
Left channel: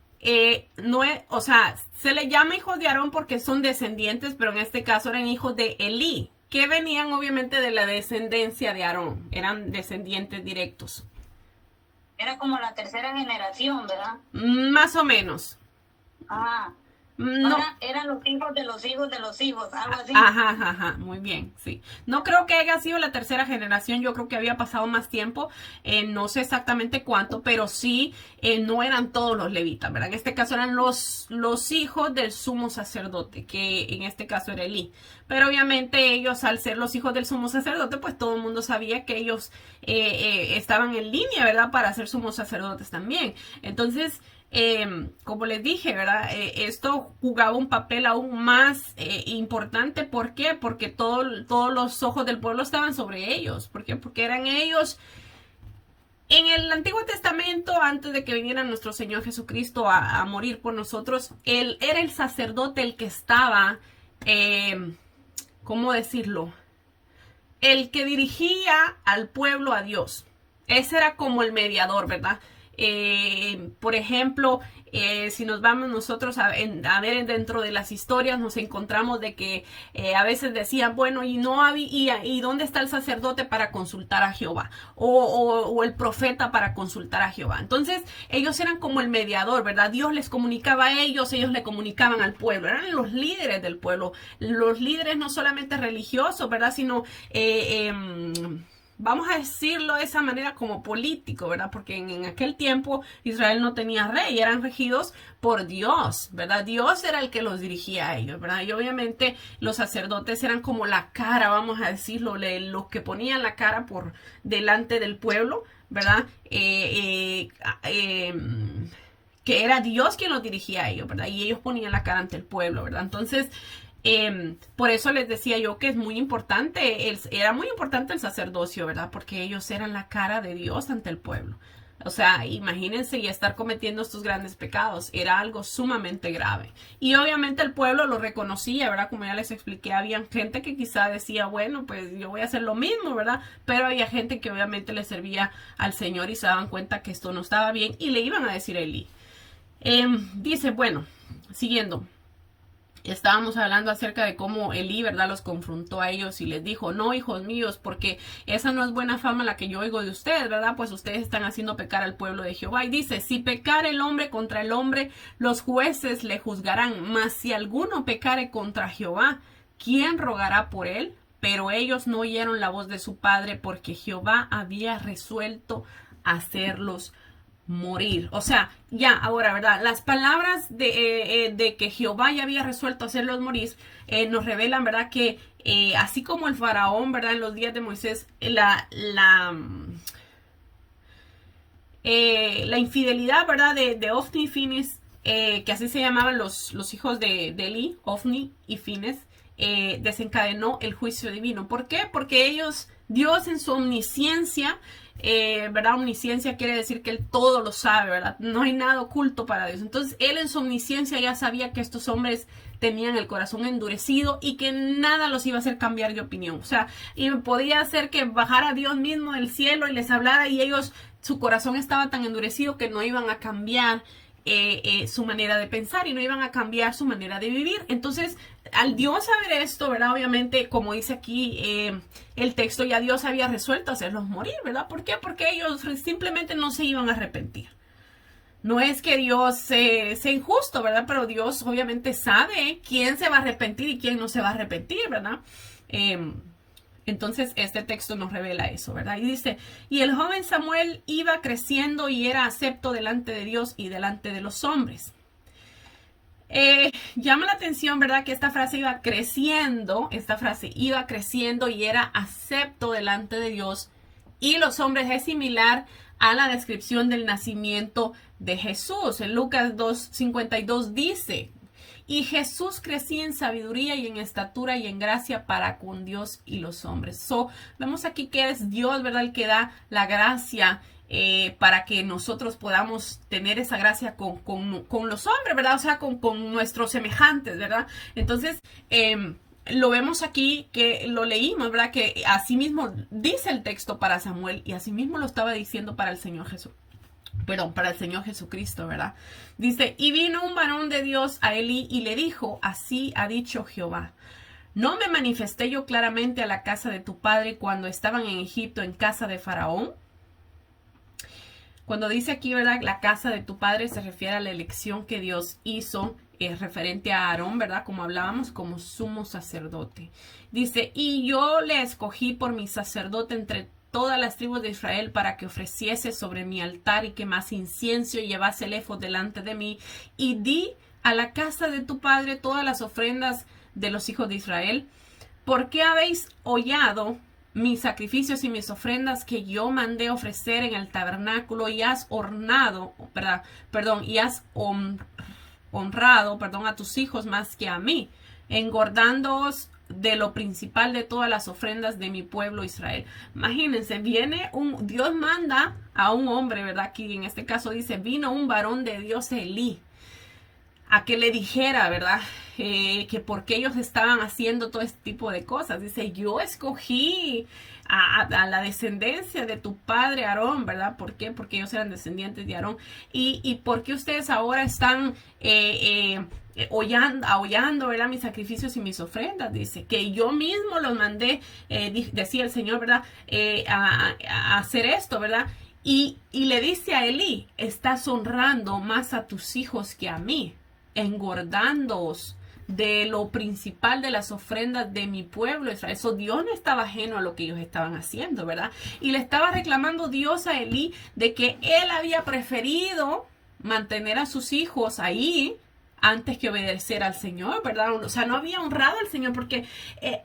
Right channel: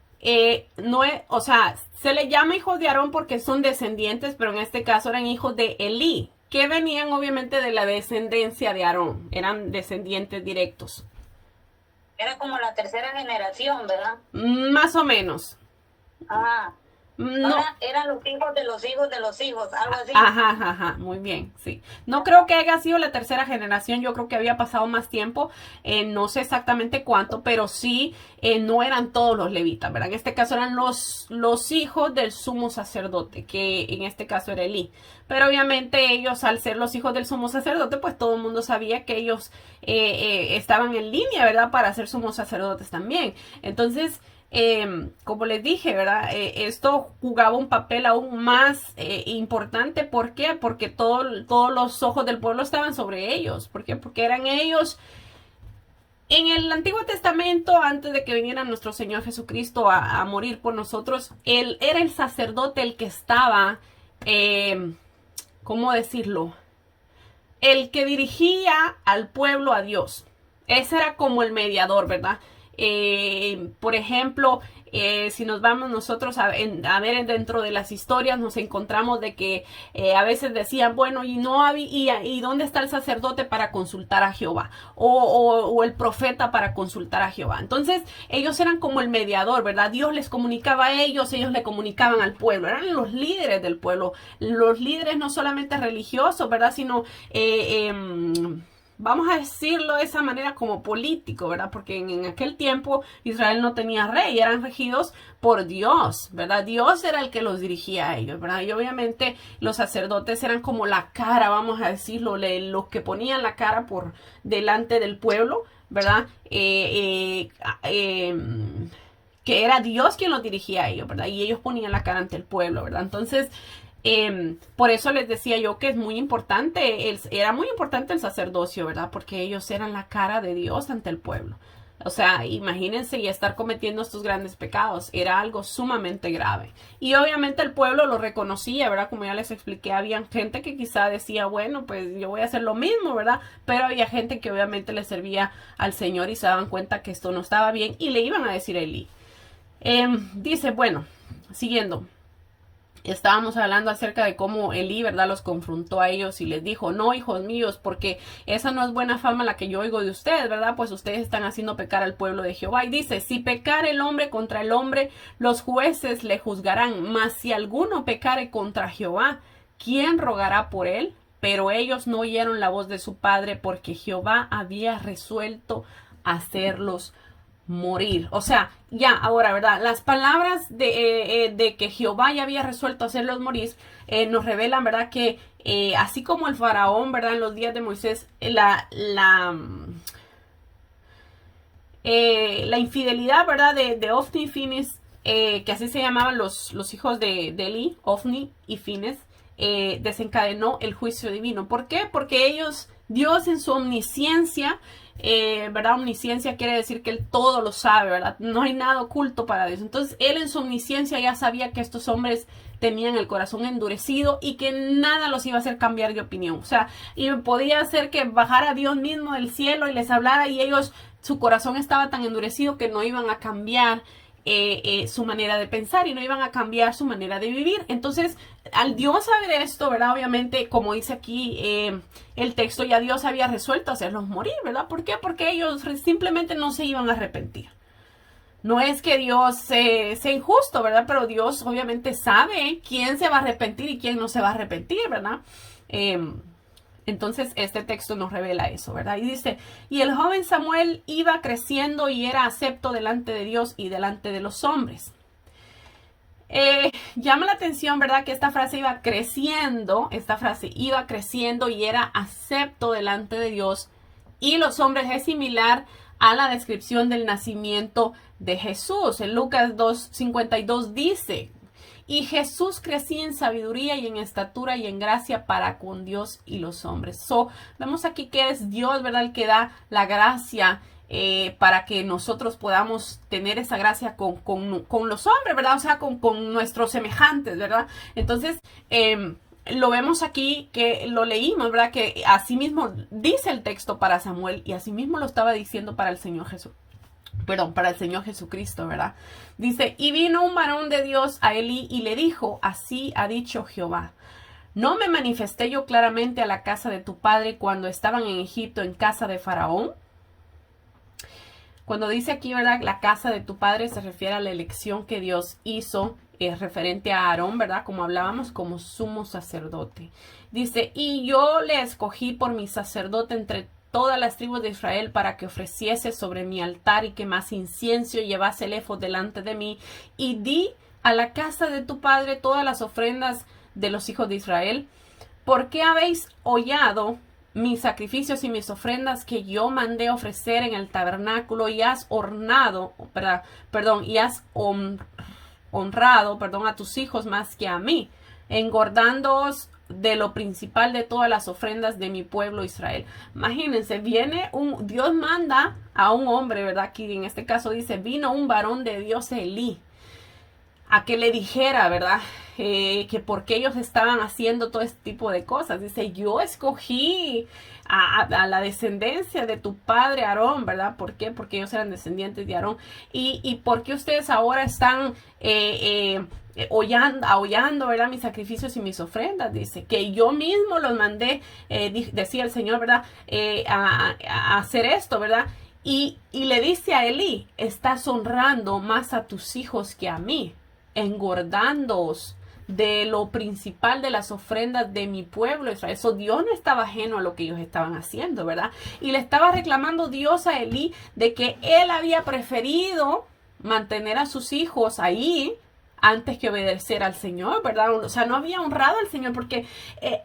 no es, o sea, se le llama hijos de Aarón porque son descendientes, pero en este caso eran hijos de Elí, que venían obviamente de la descendencia de Aarón, eran descendientes directos. Era como la tercera generación, ¿verdad? Más o menos. Ah, No. eran los hijos de los hijos de los hijos, algo así. Ajá, ajá, muy bien, sí. No creo que haya sido la tercera generación, yo creo que había pasado más tiempo, no sé exactamente cuánto, pero sí, no eran todos los levitas, ¿verdad? En este caso eran los hijos del sumo sacerdote, que en este caso era Elí. Pero obviamente ellos, al ser los hijos del sumo sacerdote, pues todo el mundo sabía que ellos estaban en línea, ¿verdad? Para ser sumos sacerdotes también. Entonces, como les dije, ¿verdad? Esto jugaba un papel aún más importante. ¿Por qué? Porque todos los ojos del pueblo estaban sobre ellos. ¿Por qué? Porque eran ellos. En el Antiguo Testamento, antes de que viniera nuestro Señor Jesucristo a morir por nosotros, él era el sacerdote el que estaba ¿cómo decirlo? El que dirigía al pueblo a Dios. Ese era como el mediador, ¿verdad? Por ejemplo, si nos vamos nosotros a ver dentro de las historias, nos encontramos de que a veces decían, bueno, y no había, y dónde está el sacerdote para consultar a Jehová, o el profeta para consultar a Jehová. Entonces, ellos eran como el mediador, ¿verdad? Dios les comunicaba a ellos le comunicaban al pueblo, eran los líderes del pueblo, los líderes no solamente religiosos, ¿verdad? Sino vamos a decirlo de esa manera, como político, ¿verdad? Porque en aquel tiempo Israel no tenía rey, eran regidos por Dios, ¿verdad? Dios era el que los dirigía a ellos, ¿verdad? Y obviamente los sacerdotes eran como la cara, vamos a decirlo, los que ponían la cara por delante del pueblo, ¿verdad? Que era Dios quien los dirigía a ellos, ¿verdad? Y ellos ponían la cara ante el pueblo, ¿verdad? Entonces, por eso les decía yo que es muy importante, era muy importante el sacerdocio, ¿verdad? Porque ellos eran la cara de Dios ante el pueblo. O sea, imagínense y estar cometiendo estos grandes pecados. Era algo sumamente grave. Y obviamente el pueblo lo reconocía, ¿verdad? Como ya les expliqué, había gente que quizá decía, bueno, pues yo voy a hacer lo mismo, ¿verdad? Pero había gente que obviamente le servía al Señor y se daban cuenta que esto no estaba bien y le iban a decir a Elí. Dice, bueno, siguiendo. Estábamos hablando acerca de cómo Elí, ¿verdad?, los confrontó a ellos y les dijo, no, hijos míos, porque esa no es buena fama la que yo oigo de ustedes, ¿verdad? Pues ustedes están haciendo pecar al pueblo de Jehová. Y dice, si pecar el hombre contra el hombre, los jueces le juzgarán. Mas si alguno pecare contra Jehová, ¿quién rogará por él? Pero ellos no oyeron la voz de su padre, porque Jehová había resuelto hacerlos morir. O sea, ya ahora, ¿verdad? Las palabras de que Jehová ya había resuelto hacerlos morir, nos revelan, ¿verdad? Que así como el faraón, ¿verdad? En los días de Moisés, la infidelidad, ¿verdad? De Ofni y Fines, que así se llamaban los hijos de Elí, Ofni y Fines, desencadenó el juicio divino. ¿Por qué? Porque ellos, Dios en su omnisciencia, ¿verdad? Omnisciencia quiere decir que Él todo lo sabe, ¿verdad? No hay nada oculto para Dios. Entonces, Él en su omnisciencia ya sabía que estos hombres tenían el corazón endurecido y que nada los iba a hacer cambiar de opinión. O sea, y podía hacer que bajara Dios mismo del cielo y les hablara y ellos, su corazón estaba tan endurecido que no iban a cambiar su manera de pensar y no iban a cambiar su manera de vivir. Entonces, al Dios saber esto, ¿verdad? Obviamente, como dice aquí el texto, ya Dios había resuelto hacerlos morir, ¿verdad? ¿Por qué? Porque ellos simplemente no se iban a arrepentir. No es que Dios sea injusto, ¿verdad? Pero Dios obviamente sabe quién se va a arrepentir y quién no se va a arrepentir, ¿verdad? Entonces este texto nos revela eso, ¿verdad? Y dice, y el joven Samuel iba creciendo y era acepto delante de Dios y delante de los hombres. Llama la atención, ¿verdad? Que esta frase iba creciendo y era acepto delante de Dios y los hombres. Es similar a la descripción del nacimiento de Jesús. En Lucas 2:52 dice, y Jesús crecía en sabiduría y en estatura y en gracia para con Dios y los hombres. Vemos aquí que es Dios, ¿verdad?, el que da la gracia para que nosotros podamos tener esa gracia con los hombres, ¿verdad? O sea, con nuestros semejantes, ¿verdad? Entonces, lo vemos aquí, que lo leímos, ¿verdad? Que así mismo dice el texto para Samuel y así mismo lo estaba diciendo para el Señor Jesús. Para el Señor Jesucristo, ¿verdad? Dice, y vino un varón de Dios a Elí y le dijo, así ha dicho Jehová, ¿no me manifesté yo claramente a la casa de tu padre cuando estaban en Egipto en casa de Faraón? Cuando dice aquí, ¿verdad?, la casa de tu padre, se refiere a la elección que Dios hizo referente a Aarón, ¿verdad? Como hablábamos, como sumo sacerdote. Dice, y yo le escogí por mi sacerdote entre todas las tribus de Israel para que ofreciese sobre mi altar y quemase incienso y llevase el efod delante de mí. Y di a la casa de tu padre todas las ofrendas de los hijos de Israel. ¿Por qué habéis hollado mis sacrificios y mis ofrendas que yo mandé ofrecer en el tabernáculo y has honrado a tus hijos más que a mí, engordándoos de lo principal de todas las ofrendas de mi pueblo Israel? Imagínense, Dios manda a un hombre, ¿verdad? Aquí en este caso dice, vino un varón de Dios Elí. a que le dijera, ¿verdad? Que por qué ellos estaban haciendo todo este tipo de cosas. Dice, yo escogí a la descendencia de tu padre Aarón, ¿verdad? ¿Por qué? Porque ellos eran descendientes de Aarón. Y por qué ustedes ahora están aullando, ¿verdad? Mis sacrificios y mis ofrendas. Dice, que yo mismo los mandé, decía el Señor, ¿verdad? A hacer esto, ¿verdad? Y le dice a Elí, estás honrando más a tus hijos que a mí, engordándoos de lo principal de las ofrendas de mi pueblo Israel. Eso Dios no estaba ajeno a lo que ellos estaban haciendo, ¿verdad? Y le estaba reclamando Dios a Elí de que él había preferido mantener a sus hijos ahí antes que obedecer al Señor, ¿verdad? O sea, no había honrado al Señor porque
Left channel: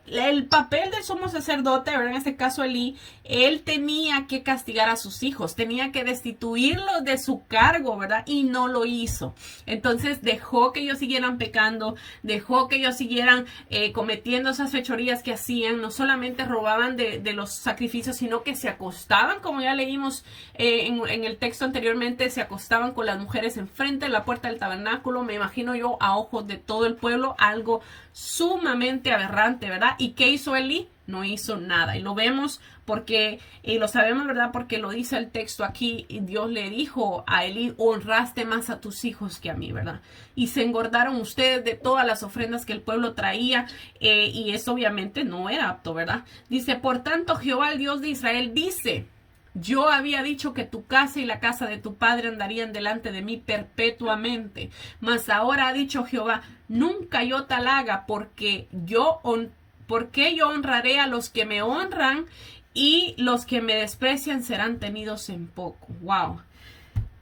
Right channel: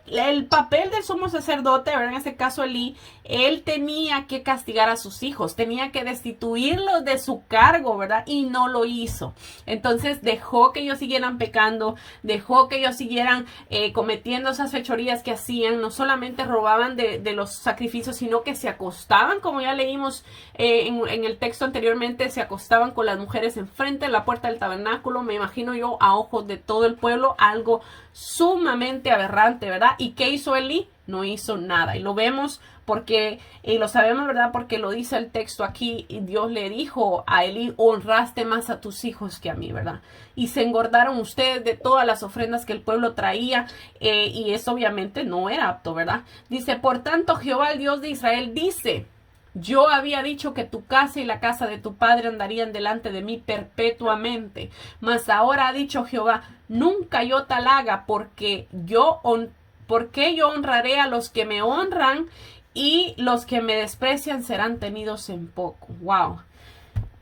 el papel del sumo sacerdote, ¿verdad? En este caso Elí, él tenía que castigar a sus hijos, tenía que destituirlos de su cargo, ¿verdad? Y no lo hizo. Entonces dejó que ellos siguieran pecando, dejó que ellos siguieran cometiendo esas fechorías que hacían, no solamente robaban de los sacrificios, sino que se acostaban, como ya leímos en el texto anteriormente, se acostaban con las mujeres enfrente de la puerta del tabernáculo. Me imagino yo a ojos de todo el pueblo, algo sumamente aberrante, ¿verdad? ¿Y qué hizo Elí? No hizo nada. Y lo vemos porque, y lo sabemos, ¿verdad? Porque lo dice el texto aquí, y Dios le dijo a Elí, honraste más a tus hijos que a mí, ¿verdad? Y se engordaron ustedes de todas las ofrendas que el pueblo traía, y eso obviamente no era apto, ¿verdad? Dice, por tanto, Jehová, el Dios de Israel, dice, yo había dicho que tu casa y la casa de tu padre andarían delante de mí perpetuamente. Mas ahora ha dicho Jehová, nunca yo tal haga, porque yo honraré a los que me honran y los que me desprecian serán tenidos en poco. Wow.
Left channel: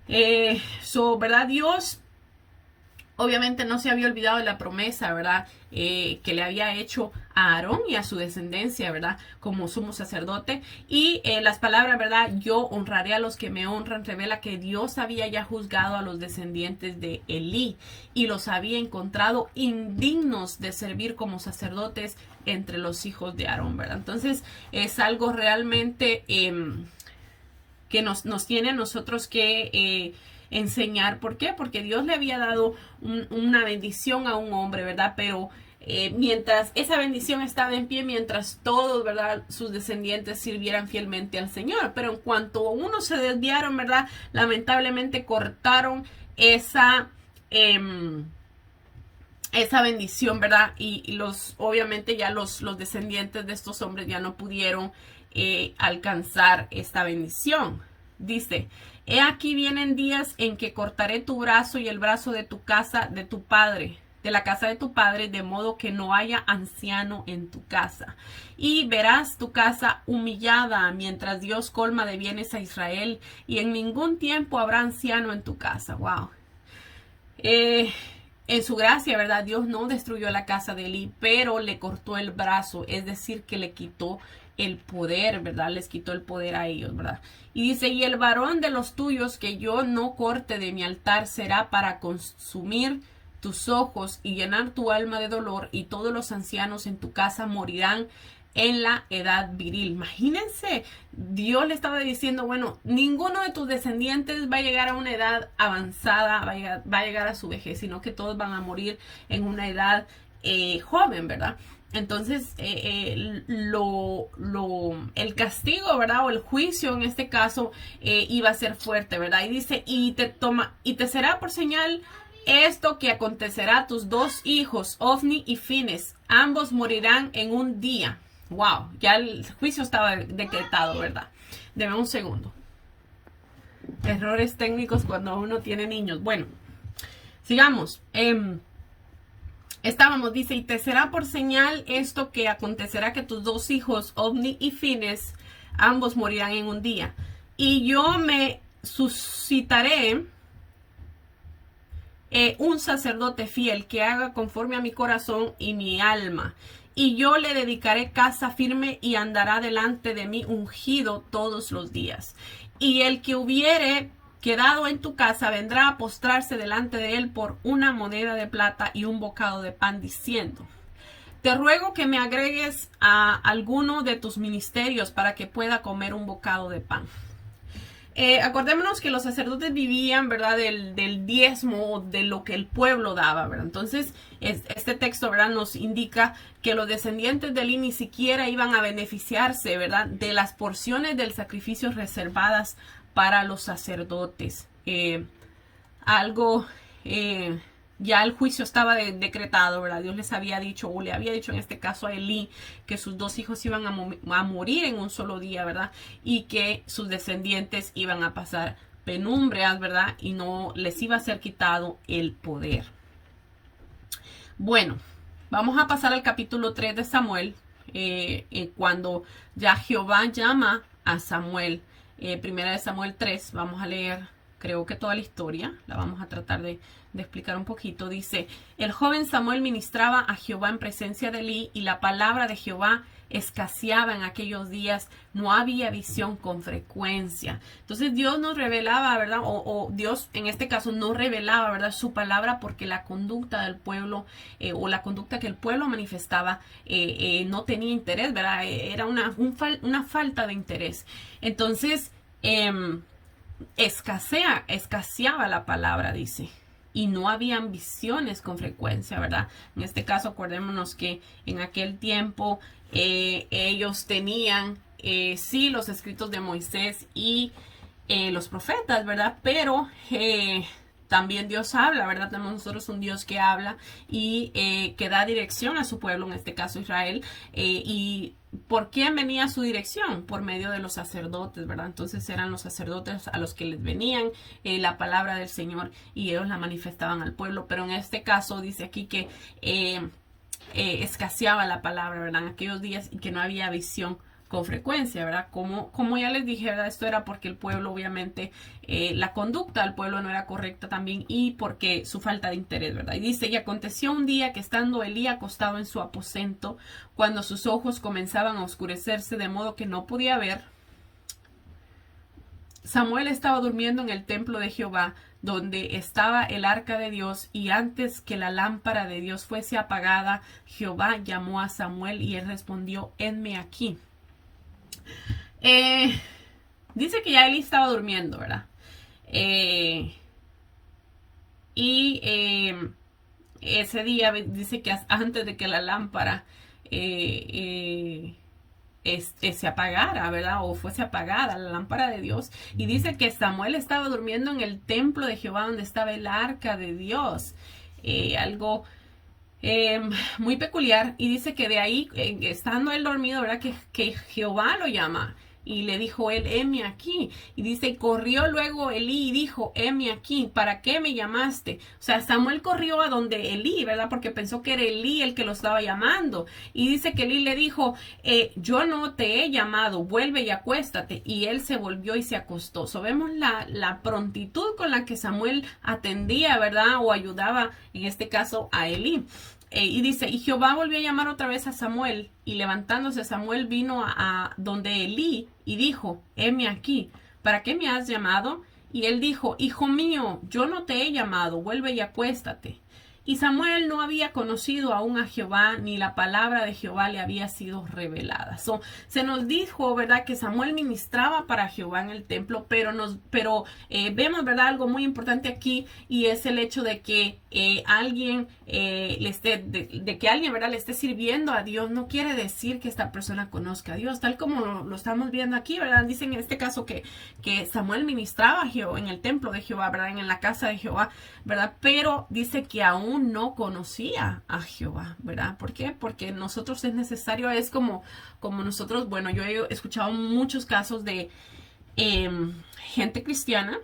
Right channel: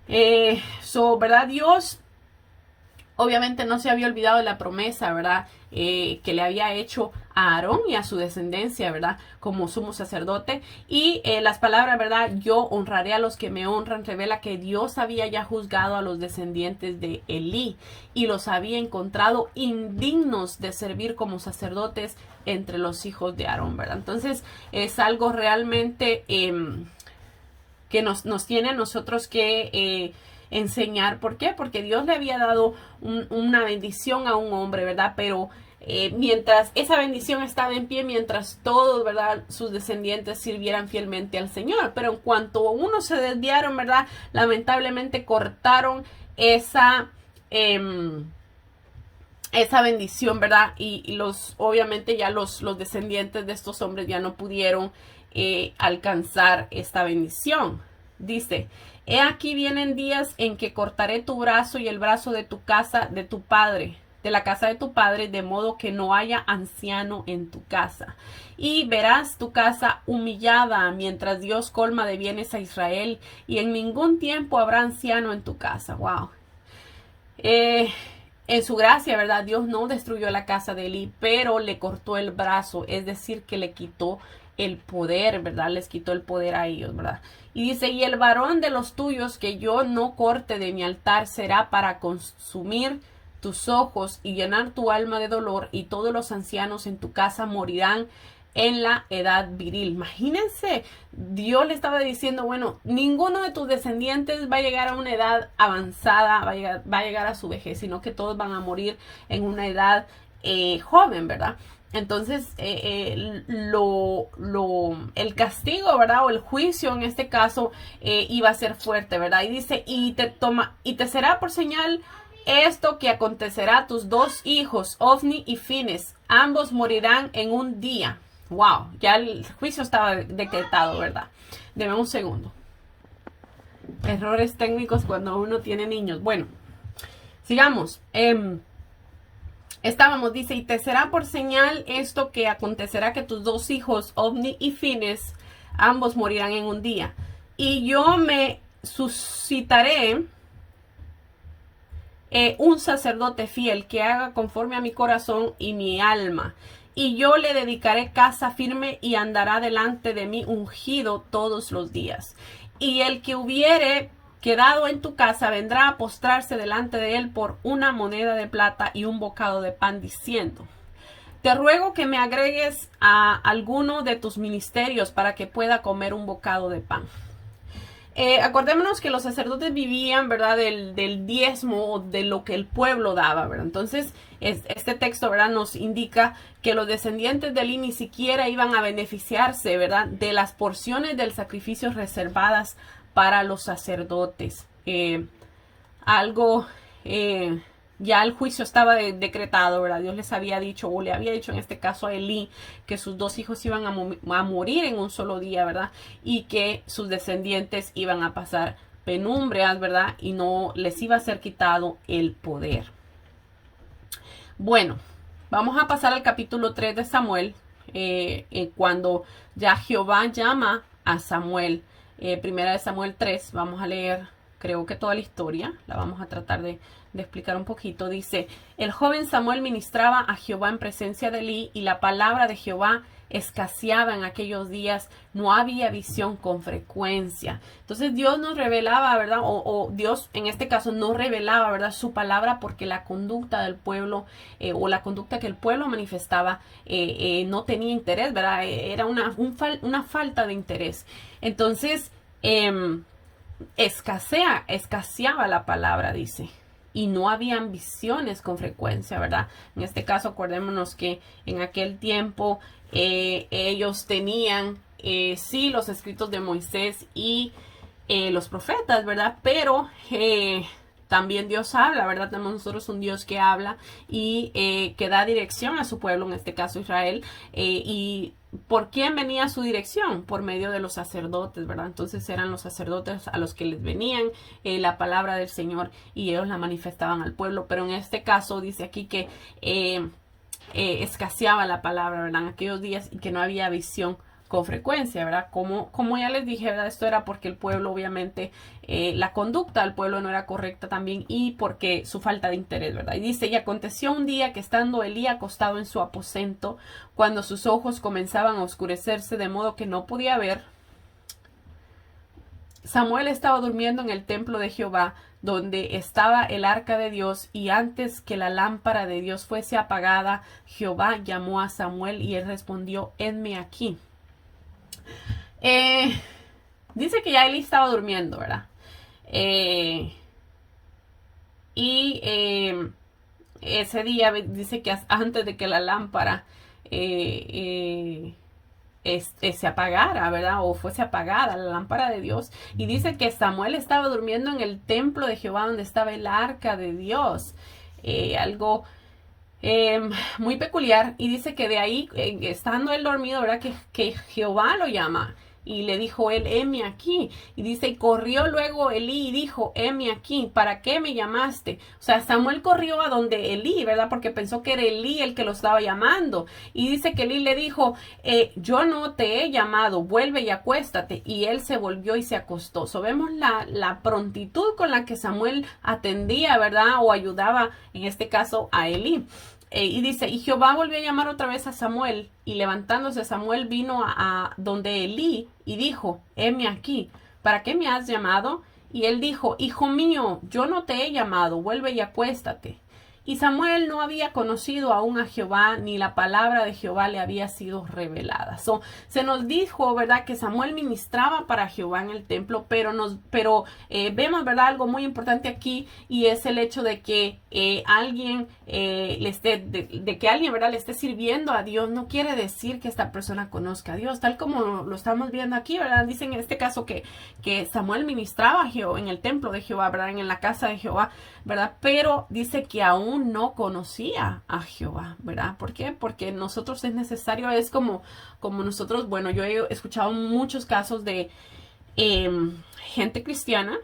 ¿Verdad? Dios obviamente no se había olvidado de la promesa, ¿verdad? Que le había hecho a Aarón y a su descendencia, ¿verdad? Como sumo sacerdote. Y las palabras, ¿verdad? Yo honraré a los que me honran, revela que Dios había ya juzgado a los descendientes de Elí y los había encontrado indignos de servir como sacerdotes entre los hijos de Aarón, ¿verdad? Entonces es algo realmente que nos tiene a nosotros que enseñar. ¿Por qué? Porque Dios le había dado una bendición a un hombre, ¿verdad? Pero mientras esa bendición estaba en pie, mientras todos, ¿verdad? Sus descendientes sirvieran fielmente al Señor. Pero en cuanto unos se desviaron, ¿verdad? Lamentablemente cortaron esa bendición, ¿verdad? Y obviamente ya los descendientes de estos hombres ya no pudieron alcanzar esta bendición. Dice, he aquí vienen días en que cortaré tu brazo y el brazo de tu casa, de tu padre, de la casa de tu padre, de modo que no haya anciano en tu casa. Y verás tu casa humillada mientras Dios colma de bienes a Israel, y en ningún tiempo habrá anciano en tu casa. Wow. En su gracia, ¿verdad? Dios no destruyó la casa de Elí, pero le cortó el brazo, es decir, que le quitó el poder, ¿verdad? Les quitó el poder a ellos, ¿verdad? Y dice, y el varón de los tuyos que yo no corte de mi altar será para consumir tus ojos y llenar tu alma de dolor, y todos los ancianos en tu casa morirán en la edad viril. Imagínense, Dios le estaba diciendo, bueno, ninguno de tus descendientes va a llegar a una edad avanzada, va a llegar a su vejez, sino que todos van a morir en una edad joven, ¿verdad? Entonces, el castigo, ¿verdad? O el juicio en este caso iba a ser fuerte, ¿verdad? Y dice, y te será por señal esto que acontecerá a tus dos hijos, Ofni y Fines, ambos morirán en un día. Wow, ya el juicio estaba decretado, ¿verdad? Deme un segundo. Errores técnicos cuando uno tiene niños. Bueno, sigamos. Dice, y te será por señal esto que acontecerá que tus dos hijos, Ofni y Fines, ambos morirán en un día. Y yo me suscitaré un sacerdote fiel que haga conforme a mi corazón y mi alma. Y yo le dedicaré casa firme y andará delante de mí ungido todos los días. Y el que hubiere quedado en tu casa vendrá a postrarse delante de él por una moneda de plata y un bocado de pan, diciendo, te ruego que me agregues a alguno de tus ministerios para que pueda comer un bocado de pan. Acordémonos que los sacerdotes vivían, ¿verdad? Del diezmo, de lo que el pueblo daba, ¿verdad? Entonces, este texto, ¿verdad? Nos indica que los descendientes de Eli ni siquiera iban a beneficiarse, ¿verdad? De las porciones del sacrificio reservadas para los sacerdotes. Algo, ya el juicio estaba decretado, ¿verdad? Dios les había dicho, o le había dicho en este caso a Elí, que sus 2 hijos iban a morir en un solo día, ¿verdad? Y que sus descendientes iban a pasar penumbrias, ¿verdad? Y no les iba a ser quitado el poder. Bueno, vamos a pasar al capítulo 3 de Samuel, cuando ya Jehová llama a Samuel. Primera de Samuel 3, vamos a leer, creo que toda la historia, la vamos a tratar de explicar un poquito. Dice, el joven Samuel ministraba a Jehová en presencia de Elí, y la palabra de Jehová escaseaba en aquellos días, no había visión con frecuencia. Entonces Dios nos revelaba, ¿verdad? O Dios en este caso no revelaba, ¿verdad? Su palabra, porque la conducta del pueblo, o la conducta que el pueblo manifestaba, no tenía interés, ¿verdad? Era una falta de interés. Entonces, escaseaba la palabra, dice. Y no habían visiones con frecuencia, ¿verdad? En este caso, acordémonos que en aquel tiempo ellos tenían, sí, los escritos de Moisés y los profetas, ¿verdad? Pero también Dios habla, ¿verdad? Tenemos nosotros un Dios que habla y que da dirección a su pueblo, en este caso Israel. ¿Y por quién venía su dirección? Por medio de los sacerdotes, ¿verdad? Entonces eran los sacerdotes a los que les venían la palabra del Señor, y ellos la manifestaban al pueblo. Pero en este caso dice aquí que escaseaba la palabra, ¿verdad? En aquellos días, y que no había visión con frecuencia, ¿verdad? Como ya les dije, ¿verdad? Esto era porque el pueblo, obviamente, la conducta del pueblo no era correcta también, y porque su falta de interés, ¿verdad? Y dice, y aconteció un día que estando Elí acostado en su aposento, cuando sus ojos comenzaban a oscurecerse de modo que no podía ver, Samuel estaba durmiendo en el templo de Jehová, donde estaba el arca de Dios, y antes que la lámpara de Dios fuese apagada, Jehová llamó a Samuel, y él respondió, henme aquí. Dice que ya Eli estaba durmiendo, ¿verdad? Ese día dice que antes de que la lámpara se apagara, ¿verdad? O fuese apagada la lámpara de Dios. Y dice que Samuel estaba durmiendo en el templo de Jehová, donde estaba el arca de Dios. Algo muy peculiar. Y dice que de ahí, estando él dormido, ¿verdad? Que Jehová lo llama. Y le dijo él, heme aquí. Y dice, corrió luego Elí y dijo, heme aquí, ¿para qué me llamaste? O sea, Samuel corrió a donde Elí, ¿verdad? Porque pensó que era Elí el que lo estaba llamando. Y dice que Elí le dijo, yo no te he llamado, vuelve y acuéstate. Y él se volvió y se acostó. So, vemos la prontitud con la que Samuel atendía, ¿verdad? O ayudaba, en este caso, a Elí. Y dice, y Jehová volvió a llamar otra vez a Samuel, y levantándose Samuel vino a donde Elí y dijo, heme aquí, ¿para qué me has llamado? Y él dijo, hijo mío, yo no te he llamado, vuelve y acuéstate. Y Samuel no había conocido aún a Jehová, ni la palabra de Jehová le había sido revelada. Se nos dijo, ¿verdad?, que Samuel ministraba para Jehová en el templo, pero vemos, ¿verdad?, algo muy importante aquí, y es el hecho de que alguien que alguien, ¿verdad?, le esté sirviendo a Dios, no quiere decir que esta persona conozca a Dios, tal como lo estamos viendo aquí, ¿verdad? Dicen en este caso que Samuel ministraba a Jehová en el templo de Jehová, ¿verdad?, en la casa de Jehová, ¿verdad? Pero dice que aún no conocía a Jehová, ¿verdad? ¿Por qué? Porque nosotros es necesario, es como nosotros, bueno, yo he escuchado muchos casos de gente cristiana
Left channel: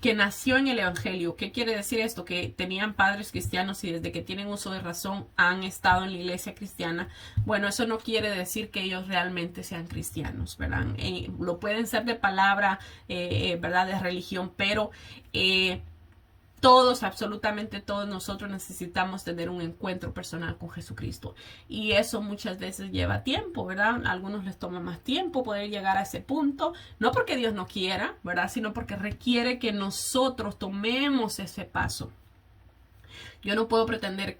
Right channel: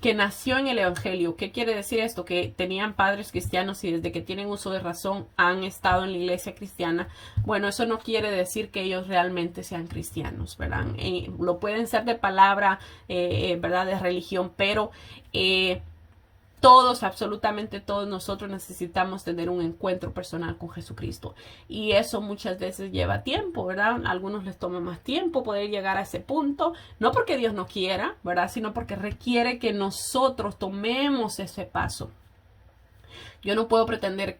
que nació en el Evangelio. ¿Qué quiere decir esto? Que tenían padres cristianos y desde que tienen uso de razón han estado en la iglesia cristiana. Bueno, eso no quiere decir que ellos realmente sean cristianos, ¿verdad? Lo pueden ser de palabra, ¿verdad? De religión, pero todos, absolutamente todos nosotros necesitamos tener un encuentro personal con Jesucristo. Y eso muchas veces lleva tiempo, ¿verdad? A algunos les toma más tiempo poder llegar a ese punto. No porque Dios no quiera, ¿verdad? Sino porque requiere que nosotros tomemos ese paso. Yo no puedo pretender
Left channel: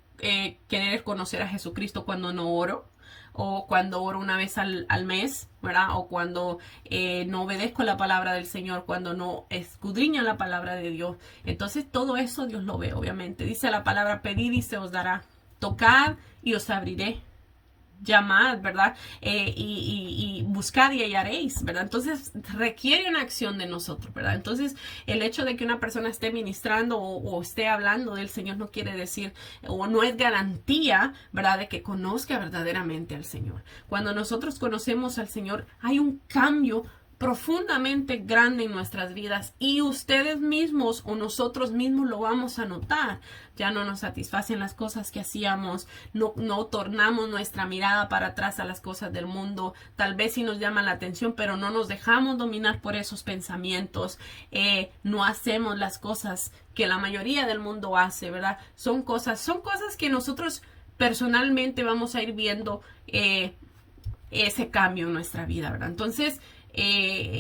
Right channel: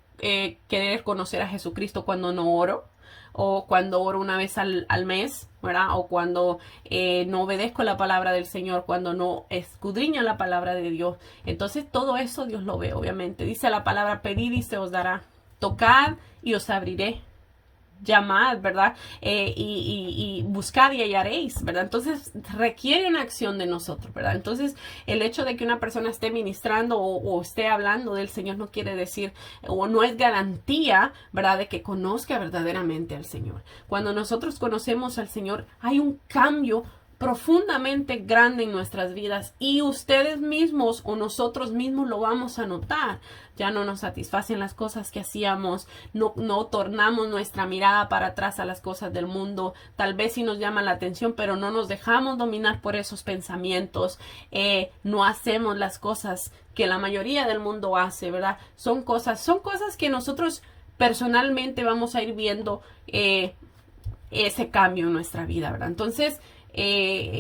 querer conocer a Jesucristo cuando no oro, o cuando oro una vez al mes, ¿verdad? O cuando no obedezco la palabra del Señor, cuando no escudriño la palabra de Dios. Entonces todo eso Dios lo ve, obviamente. Dice la palabra, pedid y se os dará, tocad y os abriré, llamad, ¿verdad? Y buscad y hallaréis, ¿verdad? Entonces requiere una acción de nosotros, ¿verdad? Entonces el hecho de que una persona esté ministrando o esté hablando del Señor no quiere decir o no es garantía, ¿verdad? De que conozca verdaderamente al Señor. Cuando nosotros conocemos al Señor hay un cambio profundamente grande en nuestras vidas y ustedes mismos o nosotros mismos lo vamos a notar. Ya no nos satisfacen las cosas que hacíamos, no tornamos nuestra mirada para atrás a las cosas del mundo, tal vez sí nos llaman la atención, pero no nos dejamos dominar por esos pensamientos, no hacemos las cosas que la mayoría del mundo hace, ¿verdad? Son cosas que nosotros personalmente vamos a ir viendo ese cambio en nuestra vida, ¿verdad? Entonces,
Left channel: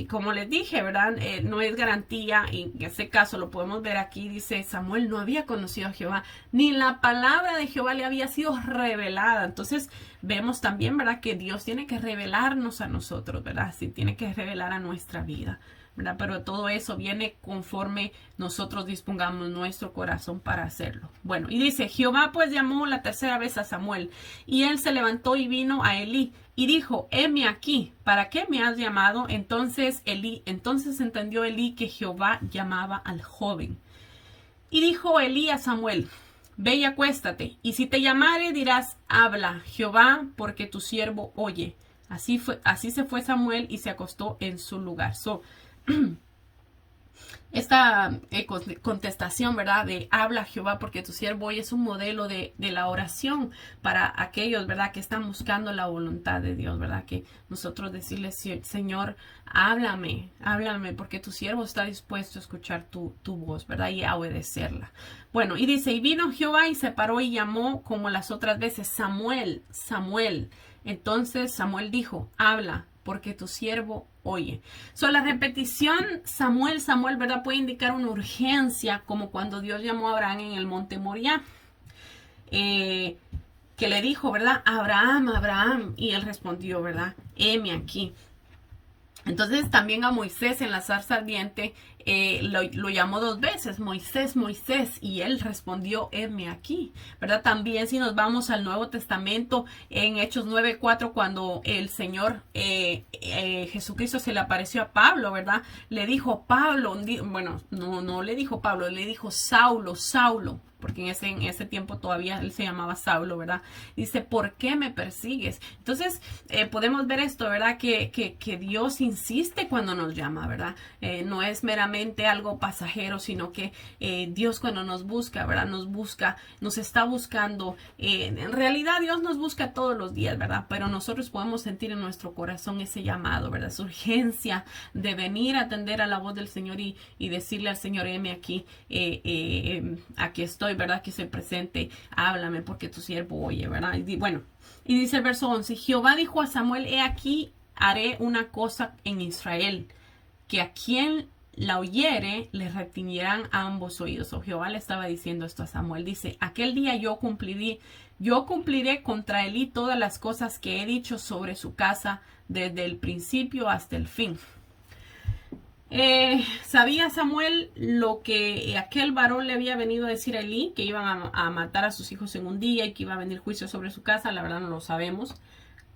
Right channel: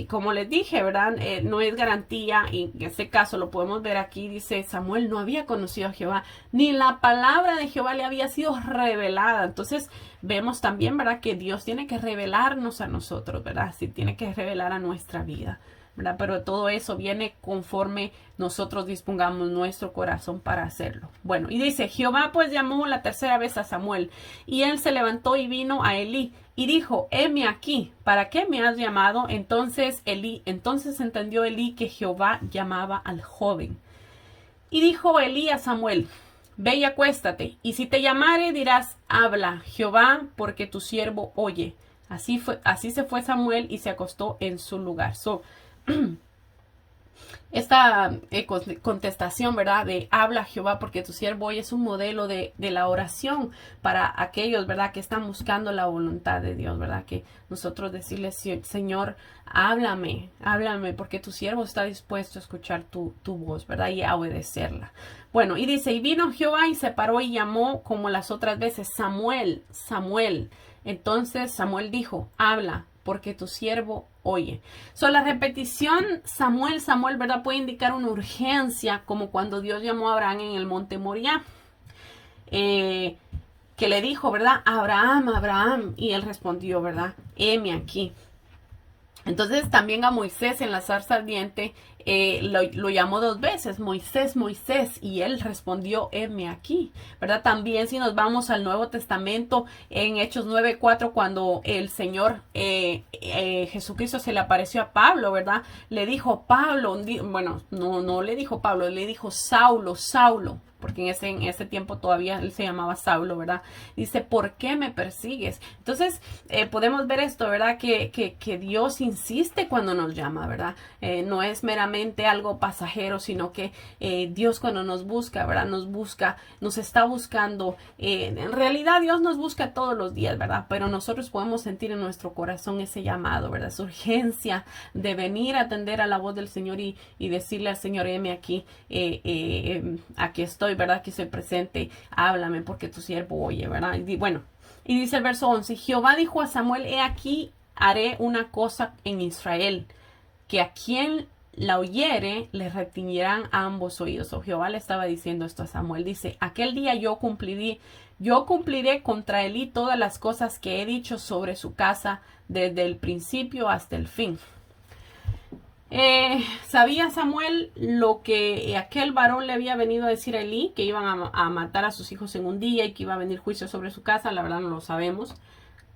como les dije, ¿verdad? No es garantía, y en este caso lo podemos ver aquí, dice Samuel no había conocido a Jehová, ni la palabra de Jehová le había sido revelada. Entonces vemos también, ¿verdad? Que Dios tiene que revelarnos a nosotros, ¿verdad? Sí, tiene que revelar a nuestra vida, ¿verdad? Pero todo eso viene conforme nosotros dispongamos nuestro corazón para hacerlo. Bueno, y dice, Jehová pues llamó la tercera vez a Samuel, y él se levantó y vino a Elí, y dijo, heme aquí, ¿para qué me has llamado? Entonces entendió Elí que Jehová llamaba al joven. Y dijo Elí a Samuel, ve y acuéstate, y si te llamare dirás, habla, Jehová, porque tu siervo oye. Así se fue Samuel y se acostó en su lugar. Esta contestación, ¿verdad? De habla Jehová porque tu siervo hoy es un modelo de la oración para aquellos, ¿verdad? Que están buscando la voluntad de Dios, ¿verdad? Que nosotros decirle, Señor, háblame porque tu siervo está dispuesto a escuchar tu voz, ¿verdad? Y a obedecerla. Bueno, y dice, y vino Jehová y se paró y llamó como las otras veces, Samuel, Samuel. Entonces Samuel dijo, habla, porque tu siervo oye. La repetición Samuel, Samuel, ¿verdad? Puede indicar una urgencia, como cuando Dios llamó a Abraham en el monte Moriah. Que le dijo, ¿verdad? Abraham, Abraham. Y él respondió, ¿verdad? Heme aquí. Entonces también a Moisés en la zarza ardiente lo llamó 2 veces, Moisés, Moisés, y él respondió, heme aquí, ¿verdad? También si nos vamos al Nuevo Testamento, en Hechos 9:4, cuando el Señor Jesucristo se le apareció a Pablo, ¿verdad? Le dijo, Pablo, bueno, no le dijo Pablo, le dijo Saulo, Saulo, porque en ese tiempo todavía él se llamaba Saulo, ¿verdad? Dice, ¿por qué me persigues? Entonces, podemos ver esto, ¿verdad? Que Dios insiste cuando nos llama, ¿verdad? No es meramente algo pasajero, sino que Dios cuando nos busca, ¿verdad? Nos está buscando. En realidad Dios nos busca todos los días, ¿verdad? Pero nosotros podemos sentir en nuestro corazón ese llamado, ¿verdad? Su urgencia de venir a atender a la voz del Señor y decirle al Señor, heme aquí, aquí estoy, ¿verdad? Que soy presente, háblame porque tu siervo oye, ¿verdad? Y bueno, y dice el verso 11, Jehová dijo a Samuel, he aquí, haré una cosa en Israel, que a quien la oyere le retiñirán ambos oídos. O Jehová le estaba diciendo esto a Samuel, dice, aquel día yo cumpliré contra Elí todas las cosas que he dicho sobre su casa desde el principio hasta el fin. Sabía Samuel lo que aquel varón le había venido a decir a Elí, que iban a matar a sus hijos en un día y que iba a venir juicio sobre su casa. La verdad no lo sabemos,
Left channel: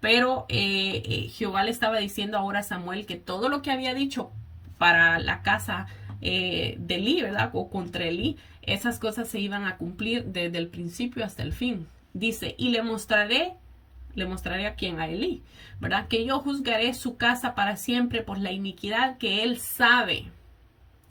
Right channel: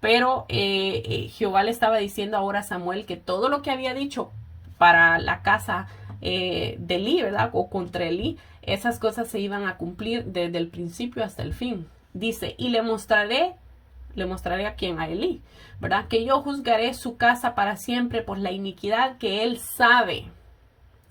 pero Jehová le estaba diciendo ahora a Samuel que todo lo que había dicho para la casa de Elí, ¿verdad? O contra Elí, esas cosas se iban a cumplir desde el principio hasta el fin. Dice, y le mostraré a quién, a Elí, ¿verdad? Que yo juzgaré su casa para siempre por la iniquidad que él sabe.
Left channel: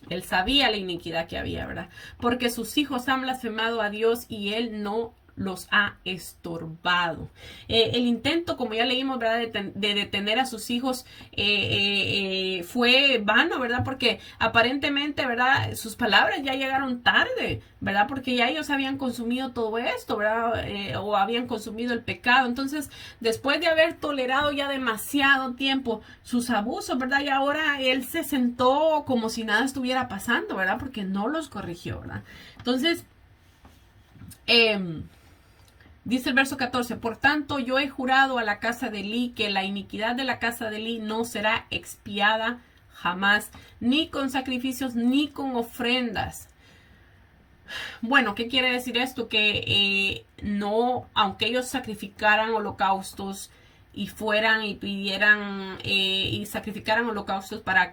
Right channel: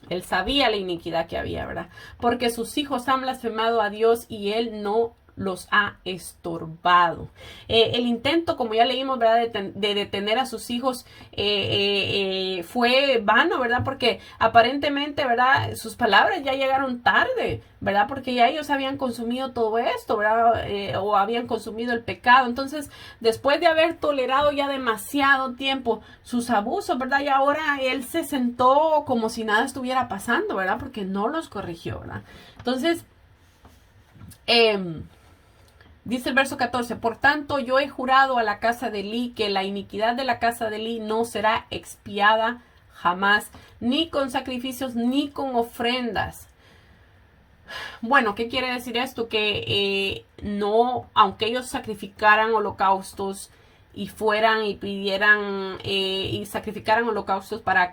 Él sabía la iniquidad que había, ¿verdad? Porque sus hijos han blasfemado a Dios y él no los ha estorbado. El intento, como ya leímos, ¿verdad? De detener a sus hijos fue vano, ¿verdad? Porque aparentemente, ¿verdad? Sus palabras ya llegaron tarde, ¿verdad? Porque ya ellos habían consumido todo esto, ¿verdad? O habían consumido el pecado. Entonces, después de haber tolerado ya demasiado tiempo sus abusos, ¿verdad? Y ahora él se sentó como si nada estuviera pasando, ¿verdad? Porque no los corrigió, ¿verdad? Entonces, Dice el verso 14, por tanto yo he jurado a la casa de Elí que la iniquidad de la casa de Elí no será expiada jamás, ni con sacrificios ni con ofrendas. Bueno, ¿qué quiere decir esto? Que no, aunque ellos sacrificaran holocaustos y fueran y pidieran y sacrificaran holocaustos para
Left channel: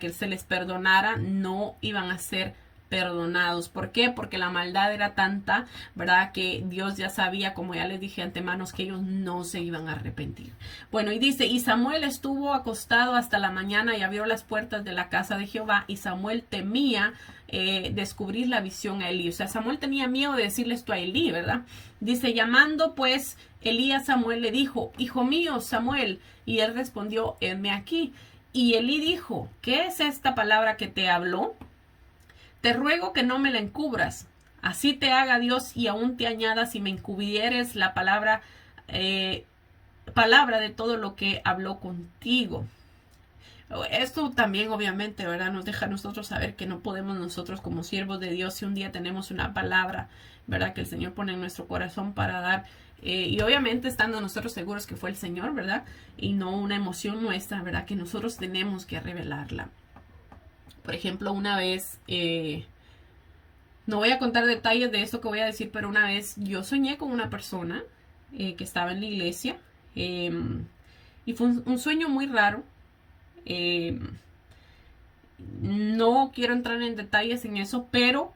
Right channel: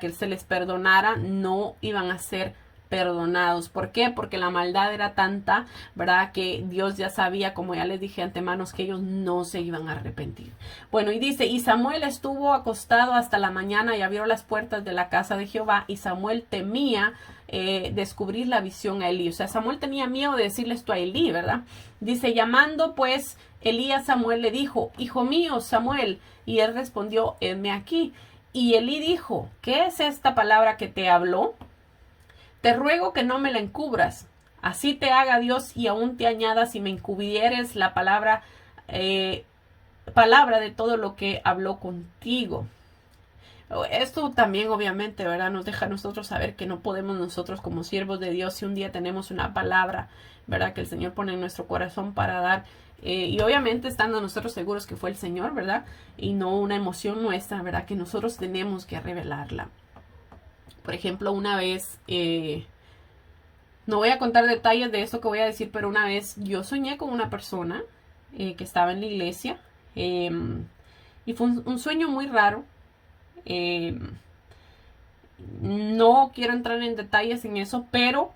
que se les perdonara, no iban a ser perdonados. ¿Por qué? Porque la maldad era tanta, ¿verdad? Que Dios ya sabía, como ya les dije antemano, que ellos no se iban a arrepentir. Bueno, y dice, y Samuel estuvo acostado hasta la mañana y abrió las puertas de la casa de Jehová, y Samuel temía descubrir la visión a Elí. O sea, Samuel tenía miedo de decirle esto a Elí, ¿verdad? Dice, llamando pues Elí a Samuel, le dijo, hijo mío, Samuel, y él respondió, heme aquí. Y Elí dijo, ¿qué es esta palabra que te habló? Te ruego que no me la encubras, así te haga Dios y aún te añada si me encubrieres la palabra de todo lo que habló contigo. Esto también obviamente, ¿verdad? Nos deja a nosotros saber que no podemos nosotros como siervos de Dios, si un día tenemos una palabra, ¿verdad? Que el Señor pone en nuestro corazón para dar, y obviamente estando nosotros seguros que fue el Señor, ¿verdad? Y no una emoción nuestra, ¿verdad? Que nosotros tenemos que revelarla. Por ejemplo, una vez, no voy a contar detalles de esto que voy a decir, pero una vez yo soñé con una persona que estaba en la iglesia y fue un sueño muy raro. No quiero entrar en detalles en eso, pero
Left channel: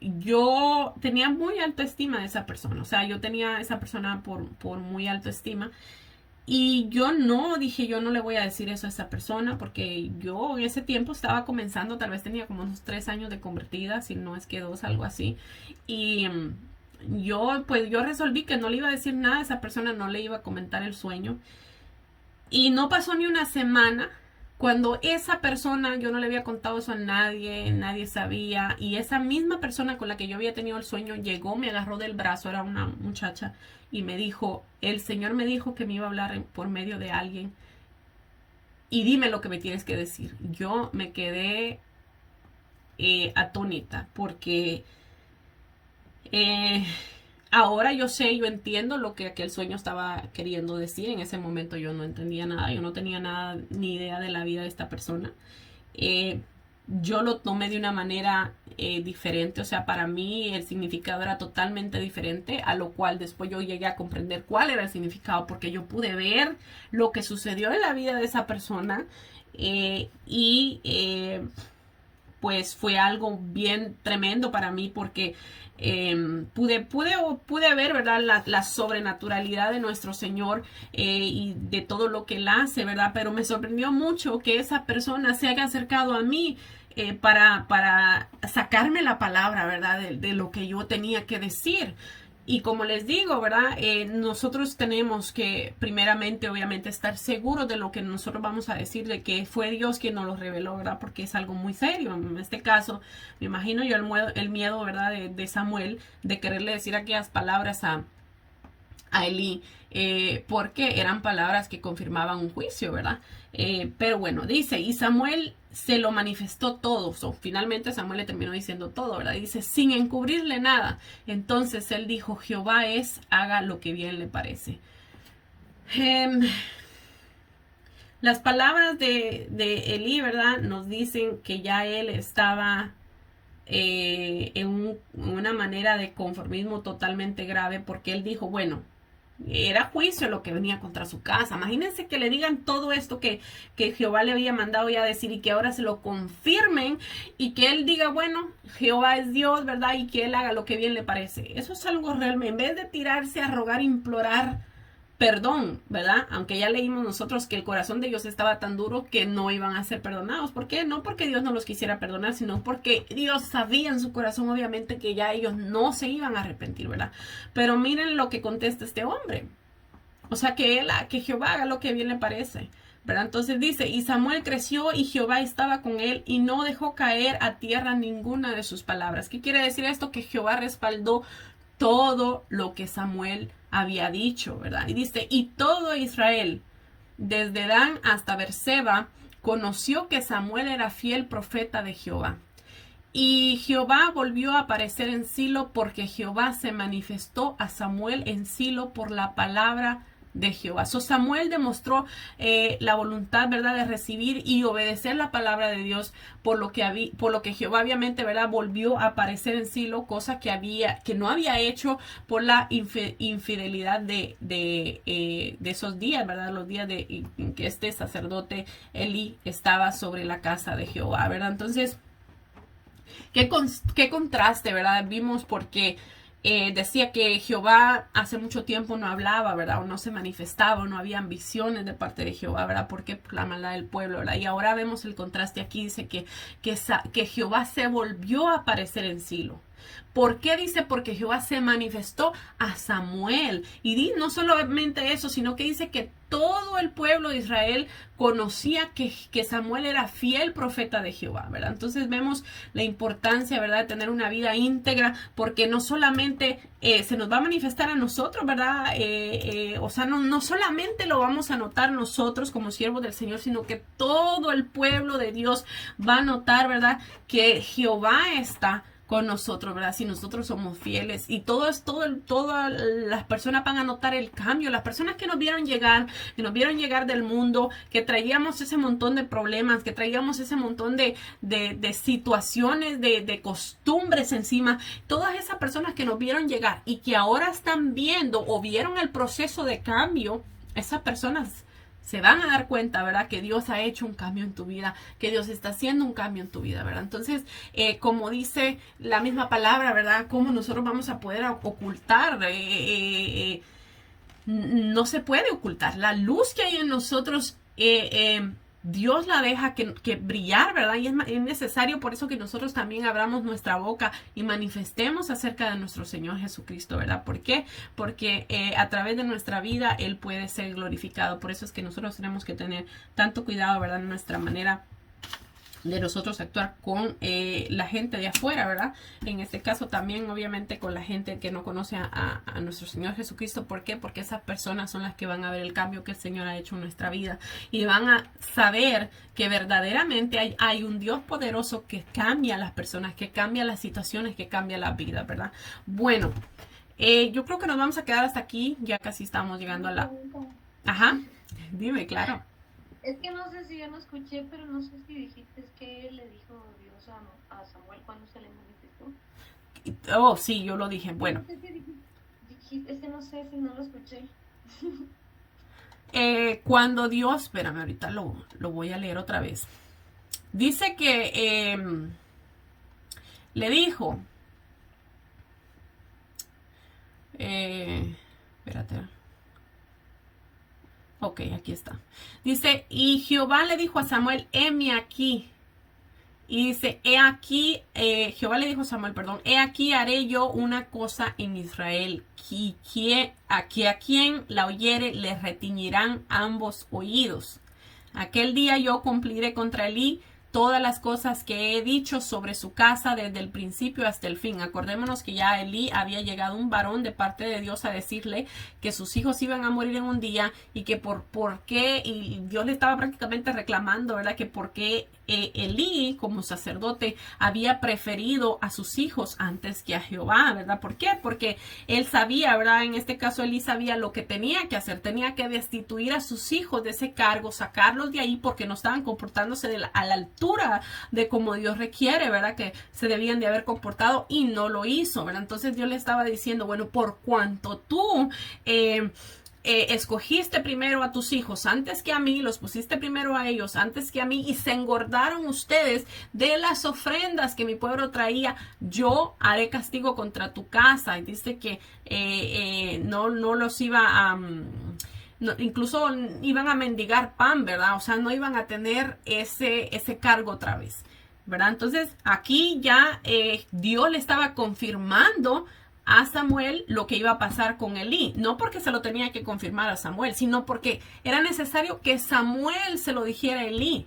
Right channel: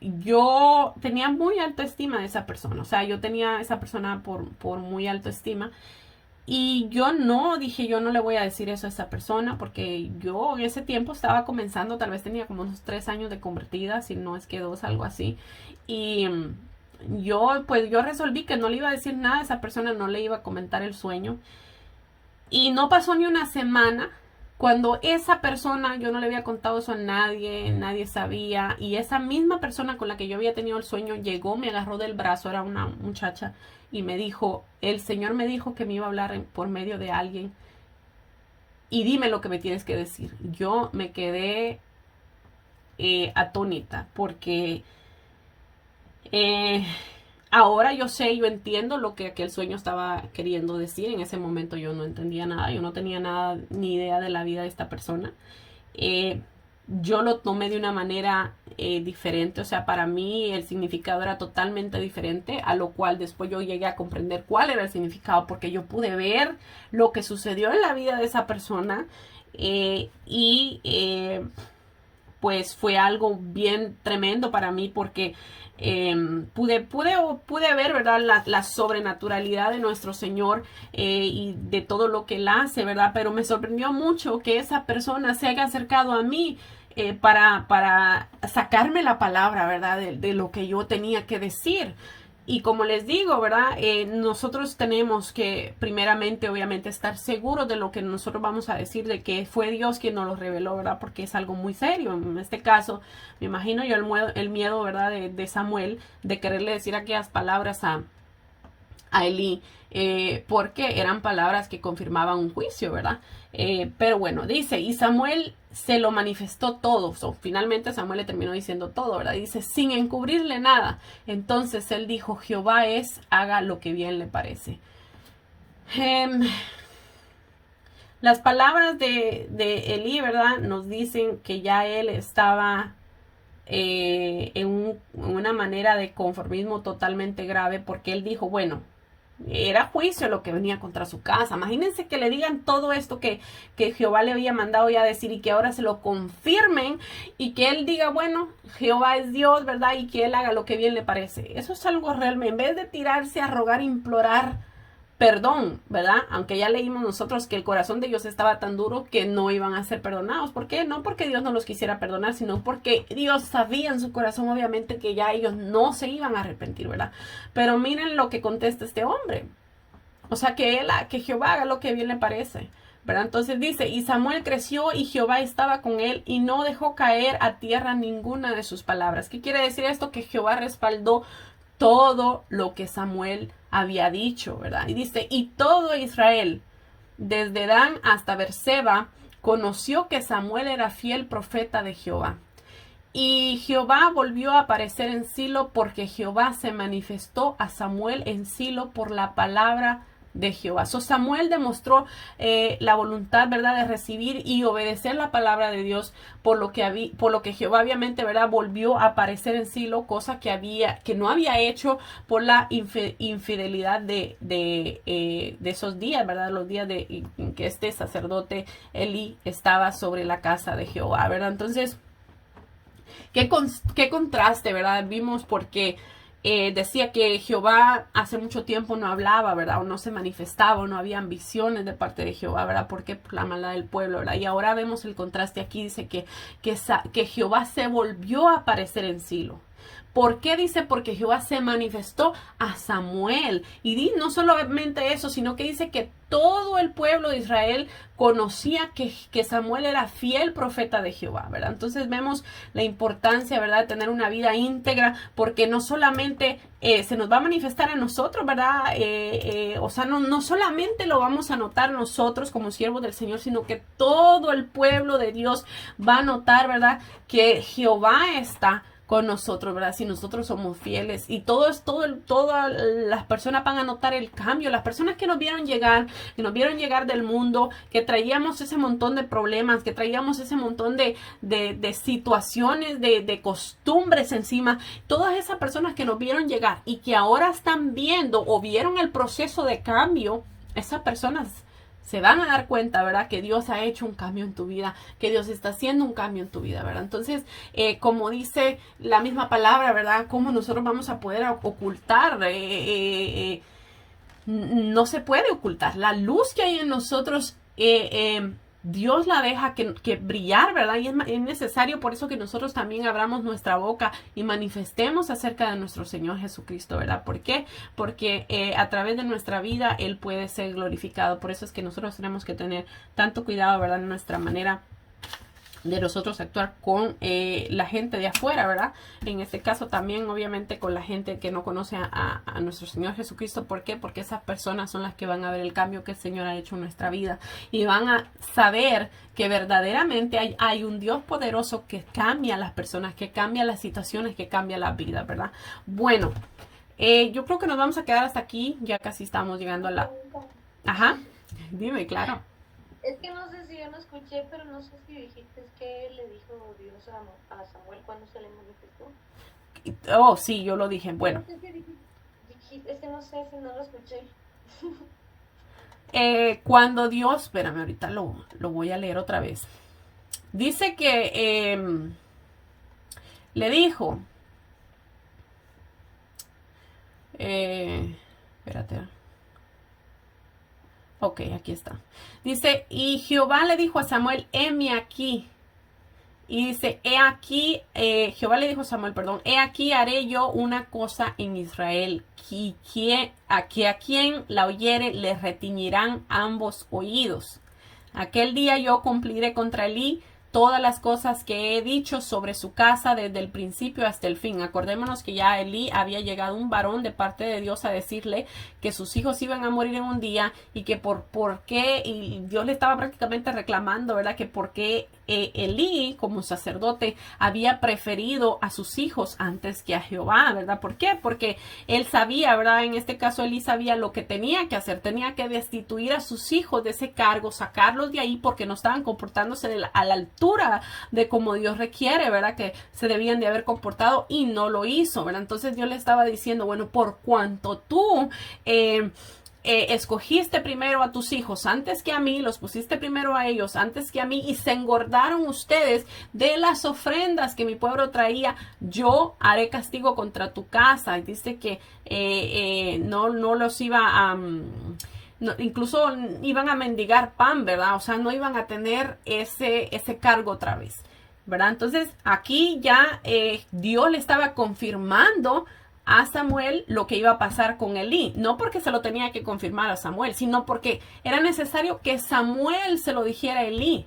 yo tenía muy alta estima de esa persona. O sea, yo tenía a esa persona por muy alta estima. Y yo no dije, yo no le voy a decir eso a esa persona, porque yo en ese tiempo estaba comenzando, tal vez tenía como unos 3 años de convertida, si no es que 2, algo así. Y yo resolví que no le iba a decir nada a esa persona, no le iba a comentar el sueño. Y no pasó ni una semana cuando esa persona, yo no le había contado eso a nadie, nadie sabía, y esa misma persona con la que yo había tenido el sueño llegó, me agarró del brazo, era una muchacha, y me dijo, el Señor me dijo que me iba a hablar por medio de alguien, y dime lo que me tienes que decir. Yo me quedé atónita, porque ahora yo sé, yo entiendo lo que aquel sueño estaba queriendo decir. En ese momento yo no entendía nada, yo no tenía nada ni idea de la vida de esta persona. Yo lo tomé de una manera diferente, o sea, para mí el significado era totalmente diferente, a lo cual después yo llegué a comprender cuál era el significado, porque yo pude ver lo que sucedió en la vida de esa persona pues fue algo bien tremendo para mí, porque pude ver, ¿verdad? La sobrenaturalidad de nuestro Señor y de todo lo que Él hace, ¿verdad? Pero me sorprendió mucho que esa persona se haya acercado a mí para sacarme la palabra, ¿verdad? De lo que yo tenía que decir. Y como les digo, ¿verdad? Nosotros tenemos que primeramente, obviamente, estar seguros de lo que nosotros vamos a decir, de que fue Dios quien nos lo reveló, ¿verdad? Porque es algo muy serio. En este caso, me imagino yo el miedo, ¿verdad? De Samuel, de quererle decir aquellas palabras a Elí, porque eran palabras que confirmaban un juicio, ¿verdad? Pero bueno, dice, y Samuel se lo manifestó todo. Finalmente Samuel le terminó diciendo todo, ¿verdad? Dice, sin encubrirle nada. Entonces él dijo, Jehová haga lo que bien le parece. Las palabras de Elí, ¿verdad? Nos dicen que ya él estaba en una manera de conformismo totalmente grave, porque él dijo, bueno, era juicio lo que venía contra su casa. Imagínense que le digan todo esto que Jehová le había mandado ya decir, y que ahora se lo confirmen, y que él diga, bueno, Jehová es Dios, ¿verdad? Y que él haga lo que bien le parece. Eso es algo realmente, en vez de tirarse a rogar, implorar perdón, ¿verdad? Aunque ya leímos nosotros que el corazón de ellos estaba tan duro que no iban a ser perdonados. ¿Por qué? No porque Dios no los quisiera perdonar, sino porque Dios sabía en su corazón, obviamente, que ya ellos no se iban a arrepentir, ¿verdad? Pero miren lo que contesta este hombre. O sea, que Jehová haga lo que bien le parece, ¿verdad? Entonces dice, y Samuel creció y Jehová estaba con él y no dejó caer a tierra ninguna de sus palabras. ¿Qué quiere decir esto? Que Jehová respaldó todo lo que Samuel había dicho, ¿verdad? Y dice, y todo Israel, desde Dan hasta Berseba, conoció que Samuel era fiel profeta de Jehová. y Jehová volvió a aparecer en Silo porque Jehová se manifestó a Samuel en Silo por la palabra de Jehová. So Samuel demostró la voluntad, ¿verdad?, de recibir y obedecer la palabra de Dios, por lo que Jehová obviamente, ¿verdad?, volvió a aparecer en Silo, cosa que no había hecho por la infidelidad de esos días, ¿verdad?, los días en que este sacerdote Elí estaba sobre la casa de Jehová, ¿verdad? Entonces, qué contraste, ¿verdad? Vimos porque decía que Jehová hace mucho tiempo no hablaba, ¿verdad? O no se manifestaba, o no había ambiciones de parte de Jehová, ¿verdad? Porque por la maldad del pueblo, ¿verdad? Y ahora vemos el contraste aquí, dice que Jehová se volvió a aparecer en Silo. ¿Por qué dice? Porque Jehová se manifestó a Samuel. Y no solamente eso, sino que dice que todo el pueblo de Israel conocía que Samuel era fiel profeta de Jehová, ¿verdad? Entonces vemos la importancia, ¿verdad?, de tener una vida íntegra, porque no solamente se nos va a manifestar a nosotros, ¿verdad? O sea, no solamente lo vamos a notar nosotros como siervos del Señor, sino que todo el pueblo de Dios va a notar, ¿verdad?, que Jehová está con nosotros, ¿verdad? Si nosotros somos fieles, y todas las personas van a notar el cambio. Las personas que nos vieron llegar del mundo, que traíamos ese montón de problemas, que traíamos ese montón de situaciones, de costumbres encima, todas esas personas que nos vieron llegar y que ahora están viendo o vieron el proceso de cambio, esas personas se van a dar cuenta, ¿verdad?, que Dios ha hecho un cambio en tu vida, que Dios está haciendo un cambio en tu vida, ¿verdad? Entonces, como dice la misma palabra, ¿verdad?, ¿cómo nosotros vamos a poder ocultar? No se puede ocultar. La luz que hay en nosotros, Dios la deja que brillar, ¿verdad? Y es necesario por eso que nosotros también abramos nuestra boca y manifestemos acerca de nuestro Señor Jesucristo, ¿verdad? ¿Por qué? Porque a través de nuestra vida Él puede ser glorificado. Por eso es que nosotros tenemos que tener tanto cuidado, ¿verdad?, en nuestra manera de nosotros actuar con la gente de afuera, ¿verdad? En este caso también, obviamente, con la gente que no conoce a nuestro Señor Jesucristo. ¿Por qué? Porque esas personas son las que van a ver el cambio que el Señor ha hecho en nuestra vida y van a saber que verdaderamente hay un Dios poderoso que cambia a las personas, que cambia las situaciones, que cambia la vida, ¿verdad? Bueno, yo creo que nos vamos a quedar hasta aquí. Ya casi estamos llegando a la... Ajá, dime, claro. Es que no sé si yo no escuché, pero no sé si dijiste que le dijo Dios a Samuel cuando se le manifestó. Oh, sí, yo lo dije. Bueno. No sé si dijiste, es que no sé si no lo escuché. Cuando Dios, espérame, ahorita lo voy a leer otra vez. Dice que le dijo, espérate. Ok, aquí está. Dice, y Jehová le dijo a Samuel, heme aquí. Y dice, he aquí, Jehová le dijo a Samuel, perdón, he aquí haré yo una cosa en Israel, que a quien la oyere le retiñirán ambos oídos. Aquel día yo cumpliré contra Elí todas las cosas que he dicho sobre su casa desde el principio hasta el fin. Acordémonos que ya a Elí había llegado un varón de parte de Dios a decirle que sus hijos iban a morir en un día y que por qué, y Dios le estaba prácticamente reclamando, ¿verdad?, que por qué Elí, como sacerdote, había preferido a sus hijos antes que a Jehová, ¿verdad? ¿Por qué? Porque él sabía, ¿verdad? En este caso Elí sabía lo que tenía que hacer, tenía que destituir a sus hijos de ese cargo, sacarlos de ahí porque no estaban comportándose a la altura de como Dios requiere, ¿verdad?, que se debían de haber comportado, y no lo hizo, ¿verdad? Entonces Dios le estaba diciendo, bueno, por cuanto tú escogiste primero a tus hijos antes que a mí, los pusiste primero a ellos antes que a mí, y se engordaron ustedes de las ofrendas que mi pueblo traía, yo haré castigo contra tu casa. Y dice que no los iba a... No, incluso iban a mendigar pan, ¿verdad? O sea, no iban a tener ese cargo otra vez, ¿verdad? Entonces, aquí ya Dios le estaba confirmando a Samuel lo que iba a pasar con Elí. No porque se lo tenía que confirmar a Samuel, sino porque era necesario que Samuel se lo dijera a Elí,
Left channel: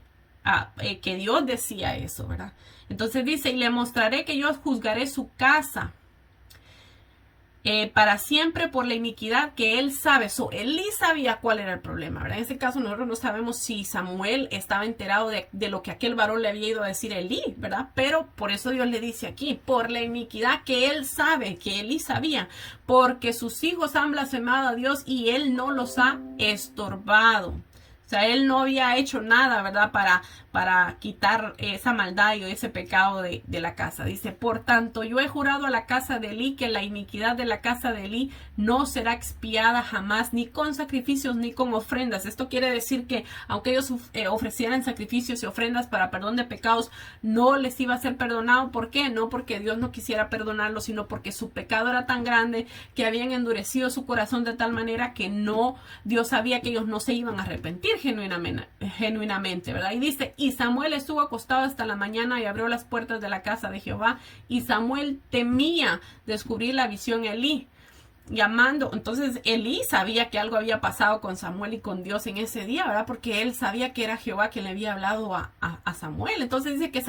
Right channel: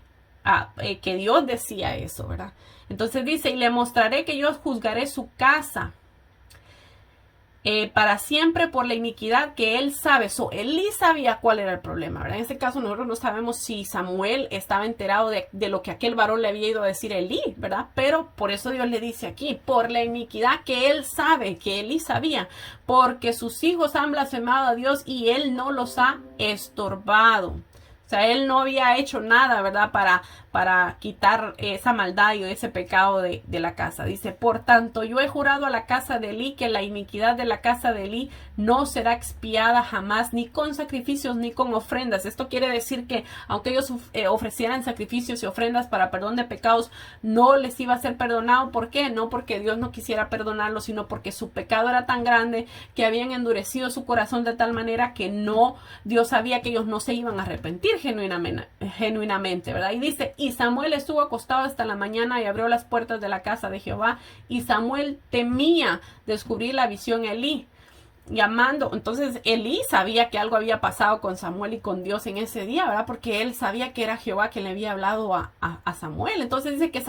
que Dios decía eso, ¿verdad? Entonces dice, y le mostraré que yo juzgaré su casa. para siempre por la iniquidad que él sabe. Elí sabía cuál era el problema, ¿verdad? En este caso nosotros no sabemos si Samuel estaba enterado de lo que aquel varón le había ido a decir a Elí, ¿verdad? Pero por eso Dios le dice aquí, por la iniquidad que él sabe, que Elí sabía, porque sus hijos han blasfemado a Dios y él no los ha estorbado. O sea, él no había hecho nada, ¿verdad? Para quitar esa maldad y ese pecado de la casa. Dice, por tanto, yo he jurado a la casa de Elí que la iniquidad de la casa de Elí no será expiada jamás, ni con sacrificios ni con ofrendas. Esto quiere decir que aunque ellos ofrecieran sacrificios y ofrendas para perdón de pecados, no les iba a ser perdonado. ¿Por qué? No porque Dios no quisiera perdonarlos, sino porque su pecado era tan grande que habían endurecido su corazón de tal manera que Dios sabía que ellos no se iban a arrepentir genuinamente, ¿verdad? Y dice, y Samuel estuvo acostado hasta la mañana y abrió las puertas de la casa de Jehová, y Samuel temía descubrir la visión a Elí, llamando. Entonces Elí sabía que algo había pasado con Samuel y con Dios en ese día, ¿verdad? Porque él sabía que era Jehová quien le había hablado a Samuel. Entonces dice que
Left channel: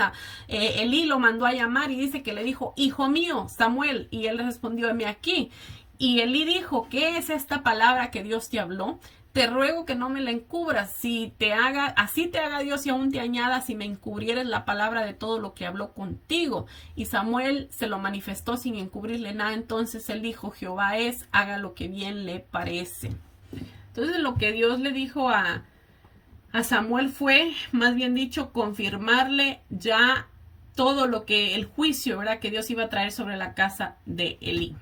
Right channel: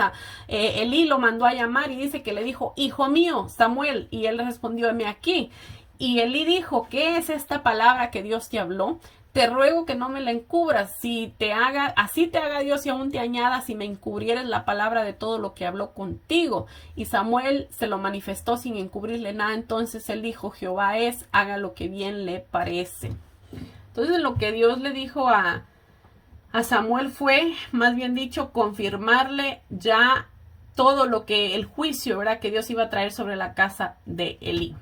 Elí lo mandó a llamar y dice que le dijo, hijo mío, Samuel, y él respondió, heme aquí. Y Elí dijo, ¿qué es esta palabra que Dios te habló? Te ruego que no me la encubras, así te haga Dios y aún te añada si me encubrieres la palabra de todo lo que habló contigo. Y Samuel se lo manifestó sin encubrirle nada. Entonces él dijo, Jehová es, haga lo que bien le parece. Entonces lo que Dios le dijo a Samuel fue, más bien dicho, confirmarle ya todo lo que el juicio, ¿verdad?, que Dios iba a traer sobre la casa de Elí.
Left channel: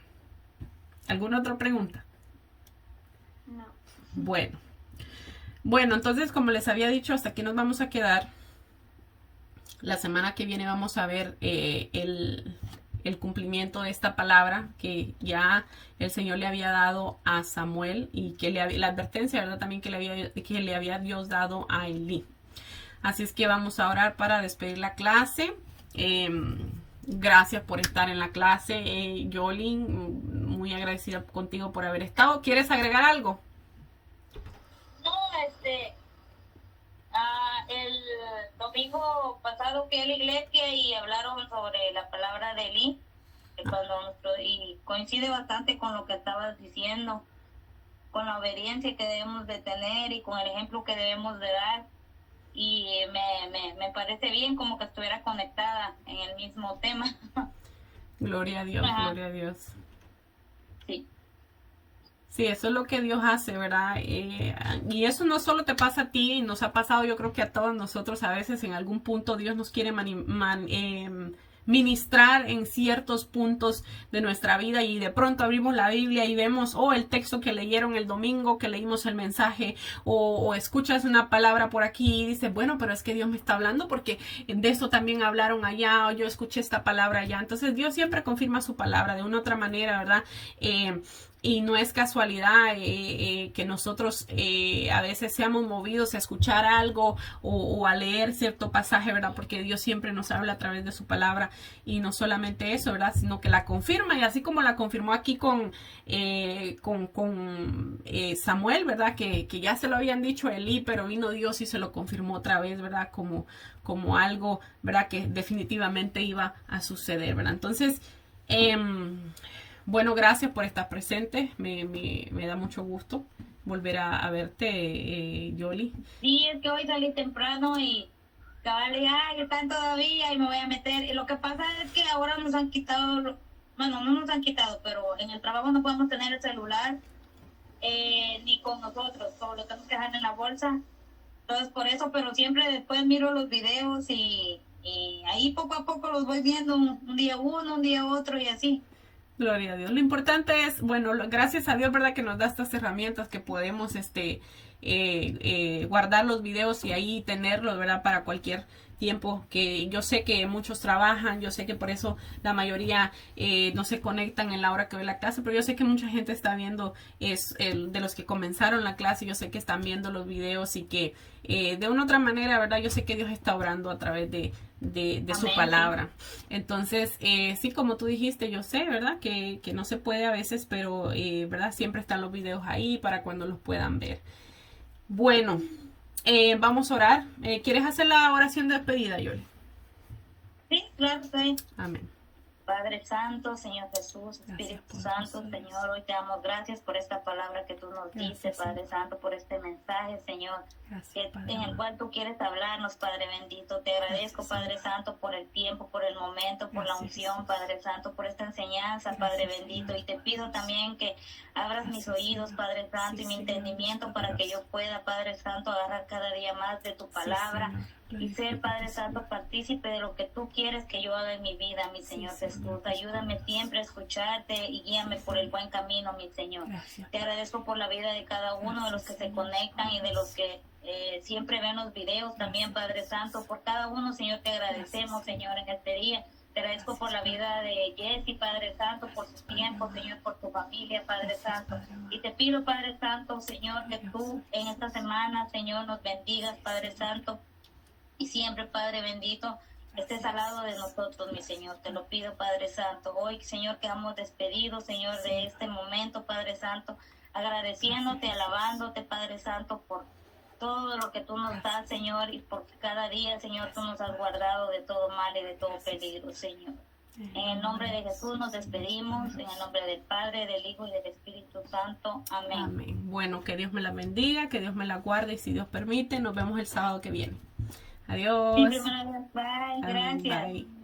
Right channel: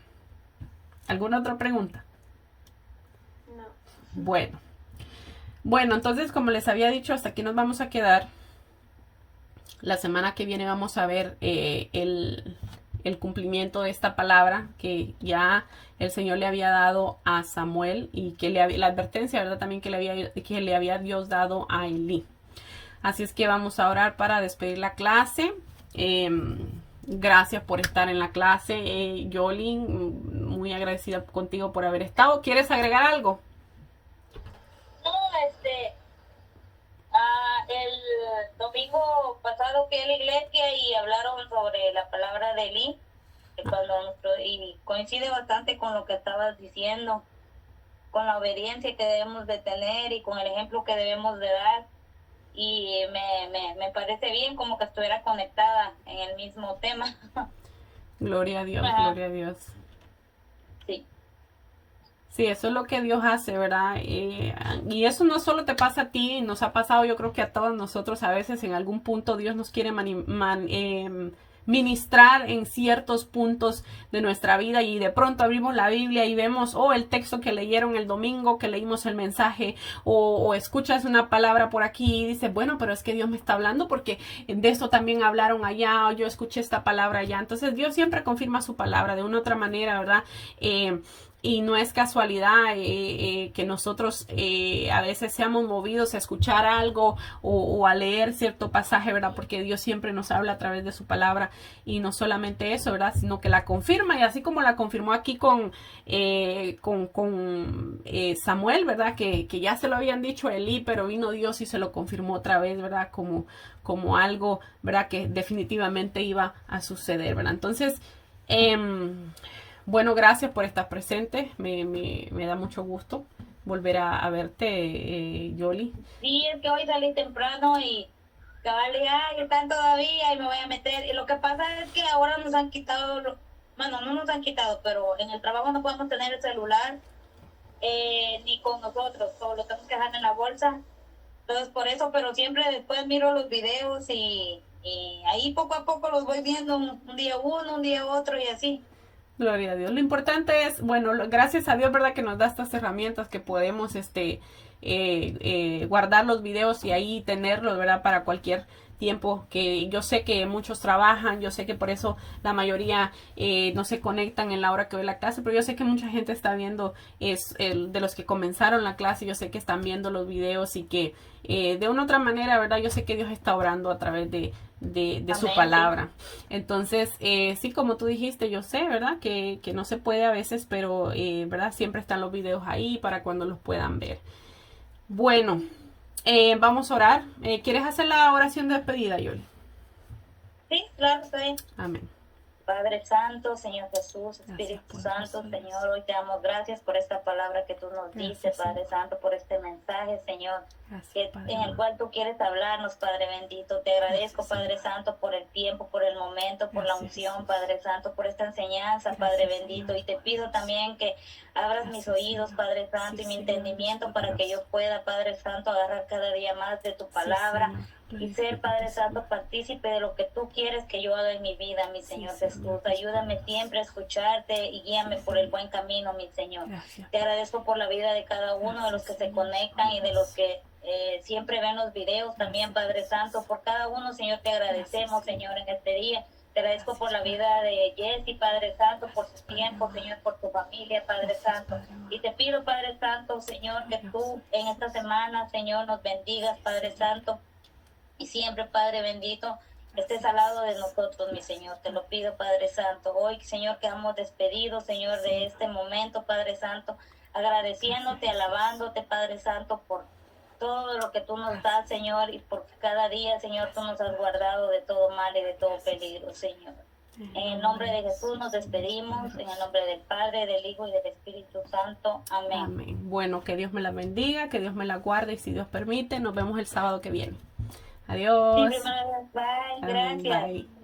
¿Alguna otra pregunta? No. Bueno, entonces como les había dicho, hasta aquí nos vamos a quedar. La semana que viene vamos a ver el cumplimiento de esta palabra que ya el Señor le había dado a Samuel y que la advertencia, ¿verdad?, también que le había Dios dado a Elí. Así es que vamos a orar para despedir la clase. Gracias por estar en la clase, Yolin, muy agradecida contigo por haber estado. ¿Quieres agregar algo? No, el domingo pasado fui a la iglesia y hablaron sobre la palabra de Elí, y coincide bastante con lo que estabas diciendo, con la obediencia que debemos de tener y con el ejemplo que debemos de dar. Y me parece bien, como que estuviera conectada en el mismo tema. Gloria a Dios, Ajá. gloria a Dios. Sí. Sí, eso es lo que Dios hace, ¿verdad? Y eso no solo te pasa a ti, nos ha pasado, yo creo que a todos nosotros a veces en algún punto Dios nos quiere ministrar en ciertos puntos de nuestra vida y de pronto abrimos la Biblia y vemos, el texto que leyeron el domingo, que leímos el mensaje, o escuchas una palabra por aquí y dices, bueno, pero es que Dios me está hablando porque de eso también hablaron allá, o yo escuché esta palabra allá. Entonces Dios siempre confirma su palabra de una u otra manera, ¿verdad? Y no es casualidad que nosotros a veces seamos movidos a escuchar algo o a leer cierto pasaje, ¿verdad? Porque Dios siempre nos habla a través de su palabra, y no solamente eso, ¿verdad? Sino que la confirma, y así como la confirmó aquí con Samuel, ¿verdad? Que ya se lo habían dicho a Elí, pero vino Dios y se lo confirmó otra vez, ¿verdad? Como algo, ¿verdad?, que definitivamente iba a suceder, ¿verdad? Entonces, bueno, gracias por estar presente. Me da mucho gusto volver a verte, Yoli. Sí, es que hoy salí temprano y cabal, están todavía y me voy a meter. Y lo que pasa es que ahora nos han quitado, bueno, no nos han quitado, pero en el trabajo no podemos tener el celular ni con nosotros, solo lo tenemos que dejar en la bolsa. Entonces por eso, pero siempre después miro los videos y ahí poco a poco los voy viendo, un día uno, un día otro y así. Gloria a Dios. Lo importante es, bueno, gracias a Dios, ¿verdad?, que nos da estas herramientas que podemos guardar los videos y ahí tenerlos, ¿verdad?, para cualquier tiempo, que yo sé que muchos trabajan, yo sé que por eso la mayoría no se conectan en la hora que ve la clase, pero yo sé que mucha gente está viendo, de los que comenzaron la clase, yo sé que están viendo los videos y que de una u otra manera, ¿verdad?, yo sé que Dios está obrando a través de su palabra. Entonces, sí, como tú dijiste, yo sé, ¿verdad?, que no se puede a veces, pero, ¿verdad?, siempre están los videos ahí para cuando los puedan ver. Bueno, vamos a orar. ¿Quieres hacer la oración de despedida, Yoli? Sí, claro, sí. Amén. Padre Santo, Señor Jesús, Gracias, Espíritu poderoso Santo, Dios. Señor, hoy te damos gracias por esta palabra que tú nos Gracias, dices, Padre Señor. Santo, por este mensaje, Señor, Gracias, Padre en el amado. cual tú quieres hablarnos, Padre bendito. Te agradezco, Gracias, Padre Señor. Santo, por el tiempo, por el momento, por la Gracias, unción, Jesús. Padre Santo, por esta enseñanza, Padre Gracias, bendito. Señor Y te pido poderoso. también que abras mis Gracias, oídos, Señor. Padre Santo, Sí, y mi Señor Dios entendimiento para que yo poderoso. pueda, Padre Santo, agarrar cada día más de tu Sí, palabra Señor. y ser, Glorifícate, Padre Santo, Señor. partícipe de lo que tú quieres que yo haga en mi vida, mi Sí, Señor Señor Jesús. Dios Ayúdame poderoso. siempre a escucharte y guíame Sí, por el Señor. buen camino, mi Señor. Gracias, Te Padre. agradezco por la vida de cada uno de los Gracias, que se Señor conectan y de los poderoso. que siempre ven los videos también, Gracias, Padre Santo. Jesús. Por cada uno, Señor, te Gracias, agradecemos, Señor. Señor, en este día. Te agradezco por Gracias, la Padre. vida de Jessy, Padre Santo, por su Gracias, Padre tiempo, amado. Señor, por su familia, Padre Gracias, Santo. Padre amado. Y te pido, Padre Santo, Señor, que Poderoso tú en esta Jesús. semana, Señor, nos bendigas, Sí, Padre Señor. Santo. Y siempre, Padre bendito, estés Gracias, al lado de Jesús. nosotros, mi Señor. Te lo pido, Padre Santo. Hoy, Señor, quedamos despedidos, Señor, de Señor. este momento, Padre Santo. Gracias, Agradeciéndote, Jesús. alabándote, Padre Santo, por todo lo que tú nos das, Gracias. Señor. Y porque cada día, Señor, tú nos Gracias, has Padre. guardado de todo mal y de todo Gracias. peligro, Señor. En En el el nombre de Jesús, Jesús nos Dios despedimos. En el poderoso. nombre del Padre, del Hijo y del Espíritu Santo. Amén. Amén. Bueno, que Dios me la bendiga, que Dios me la guarde y si Dios permite, nos vemos el sábado que viene. Siempre, Adiós. hermana, bye. Amén. Gracias. Bye.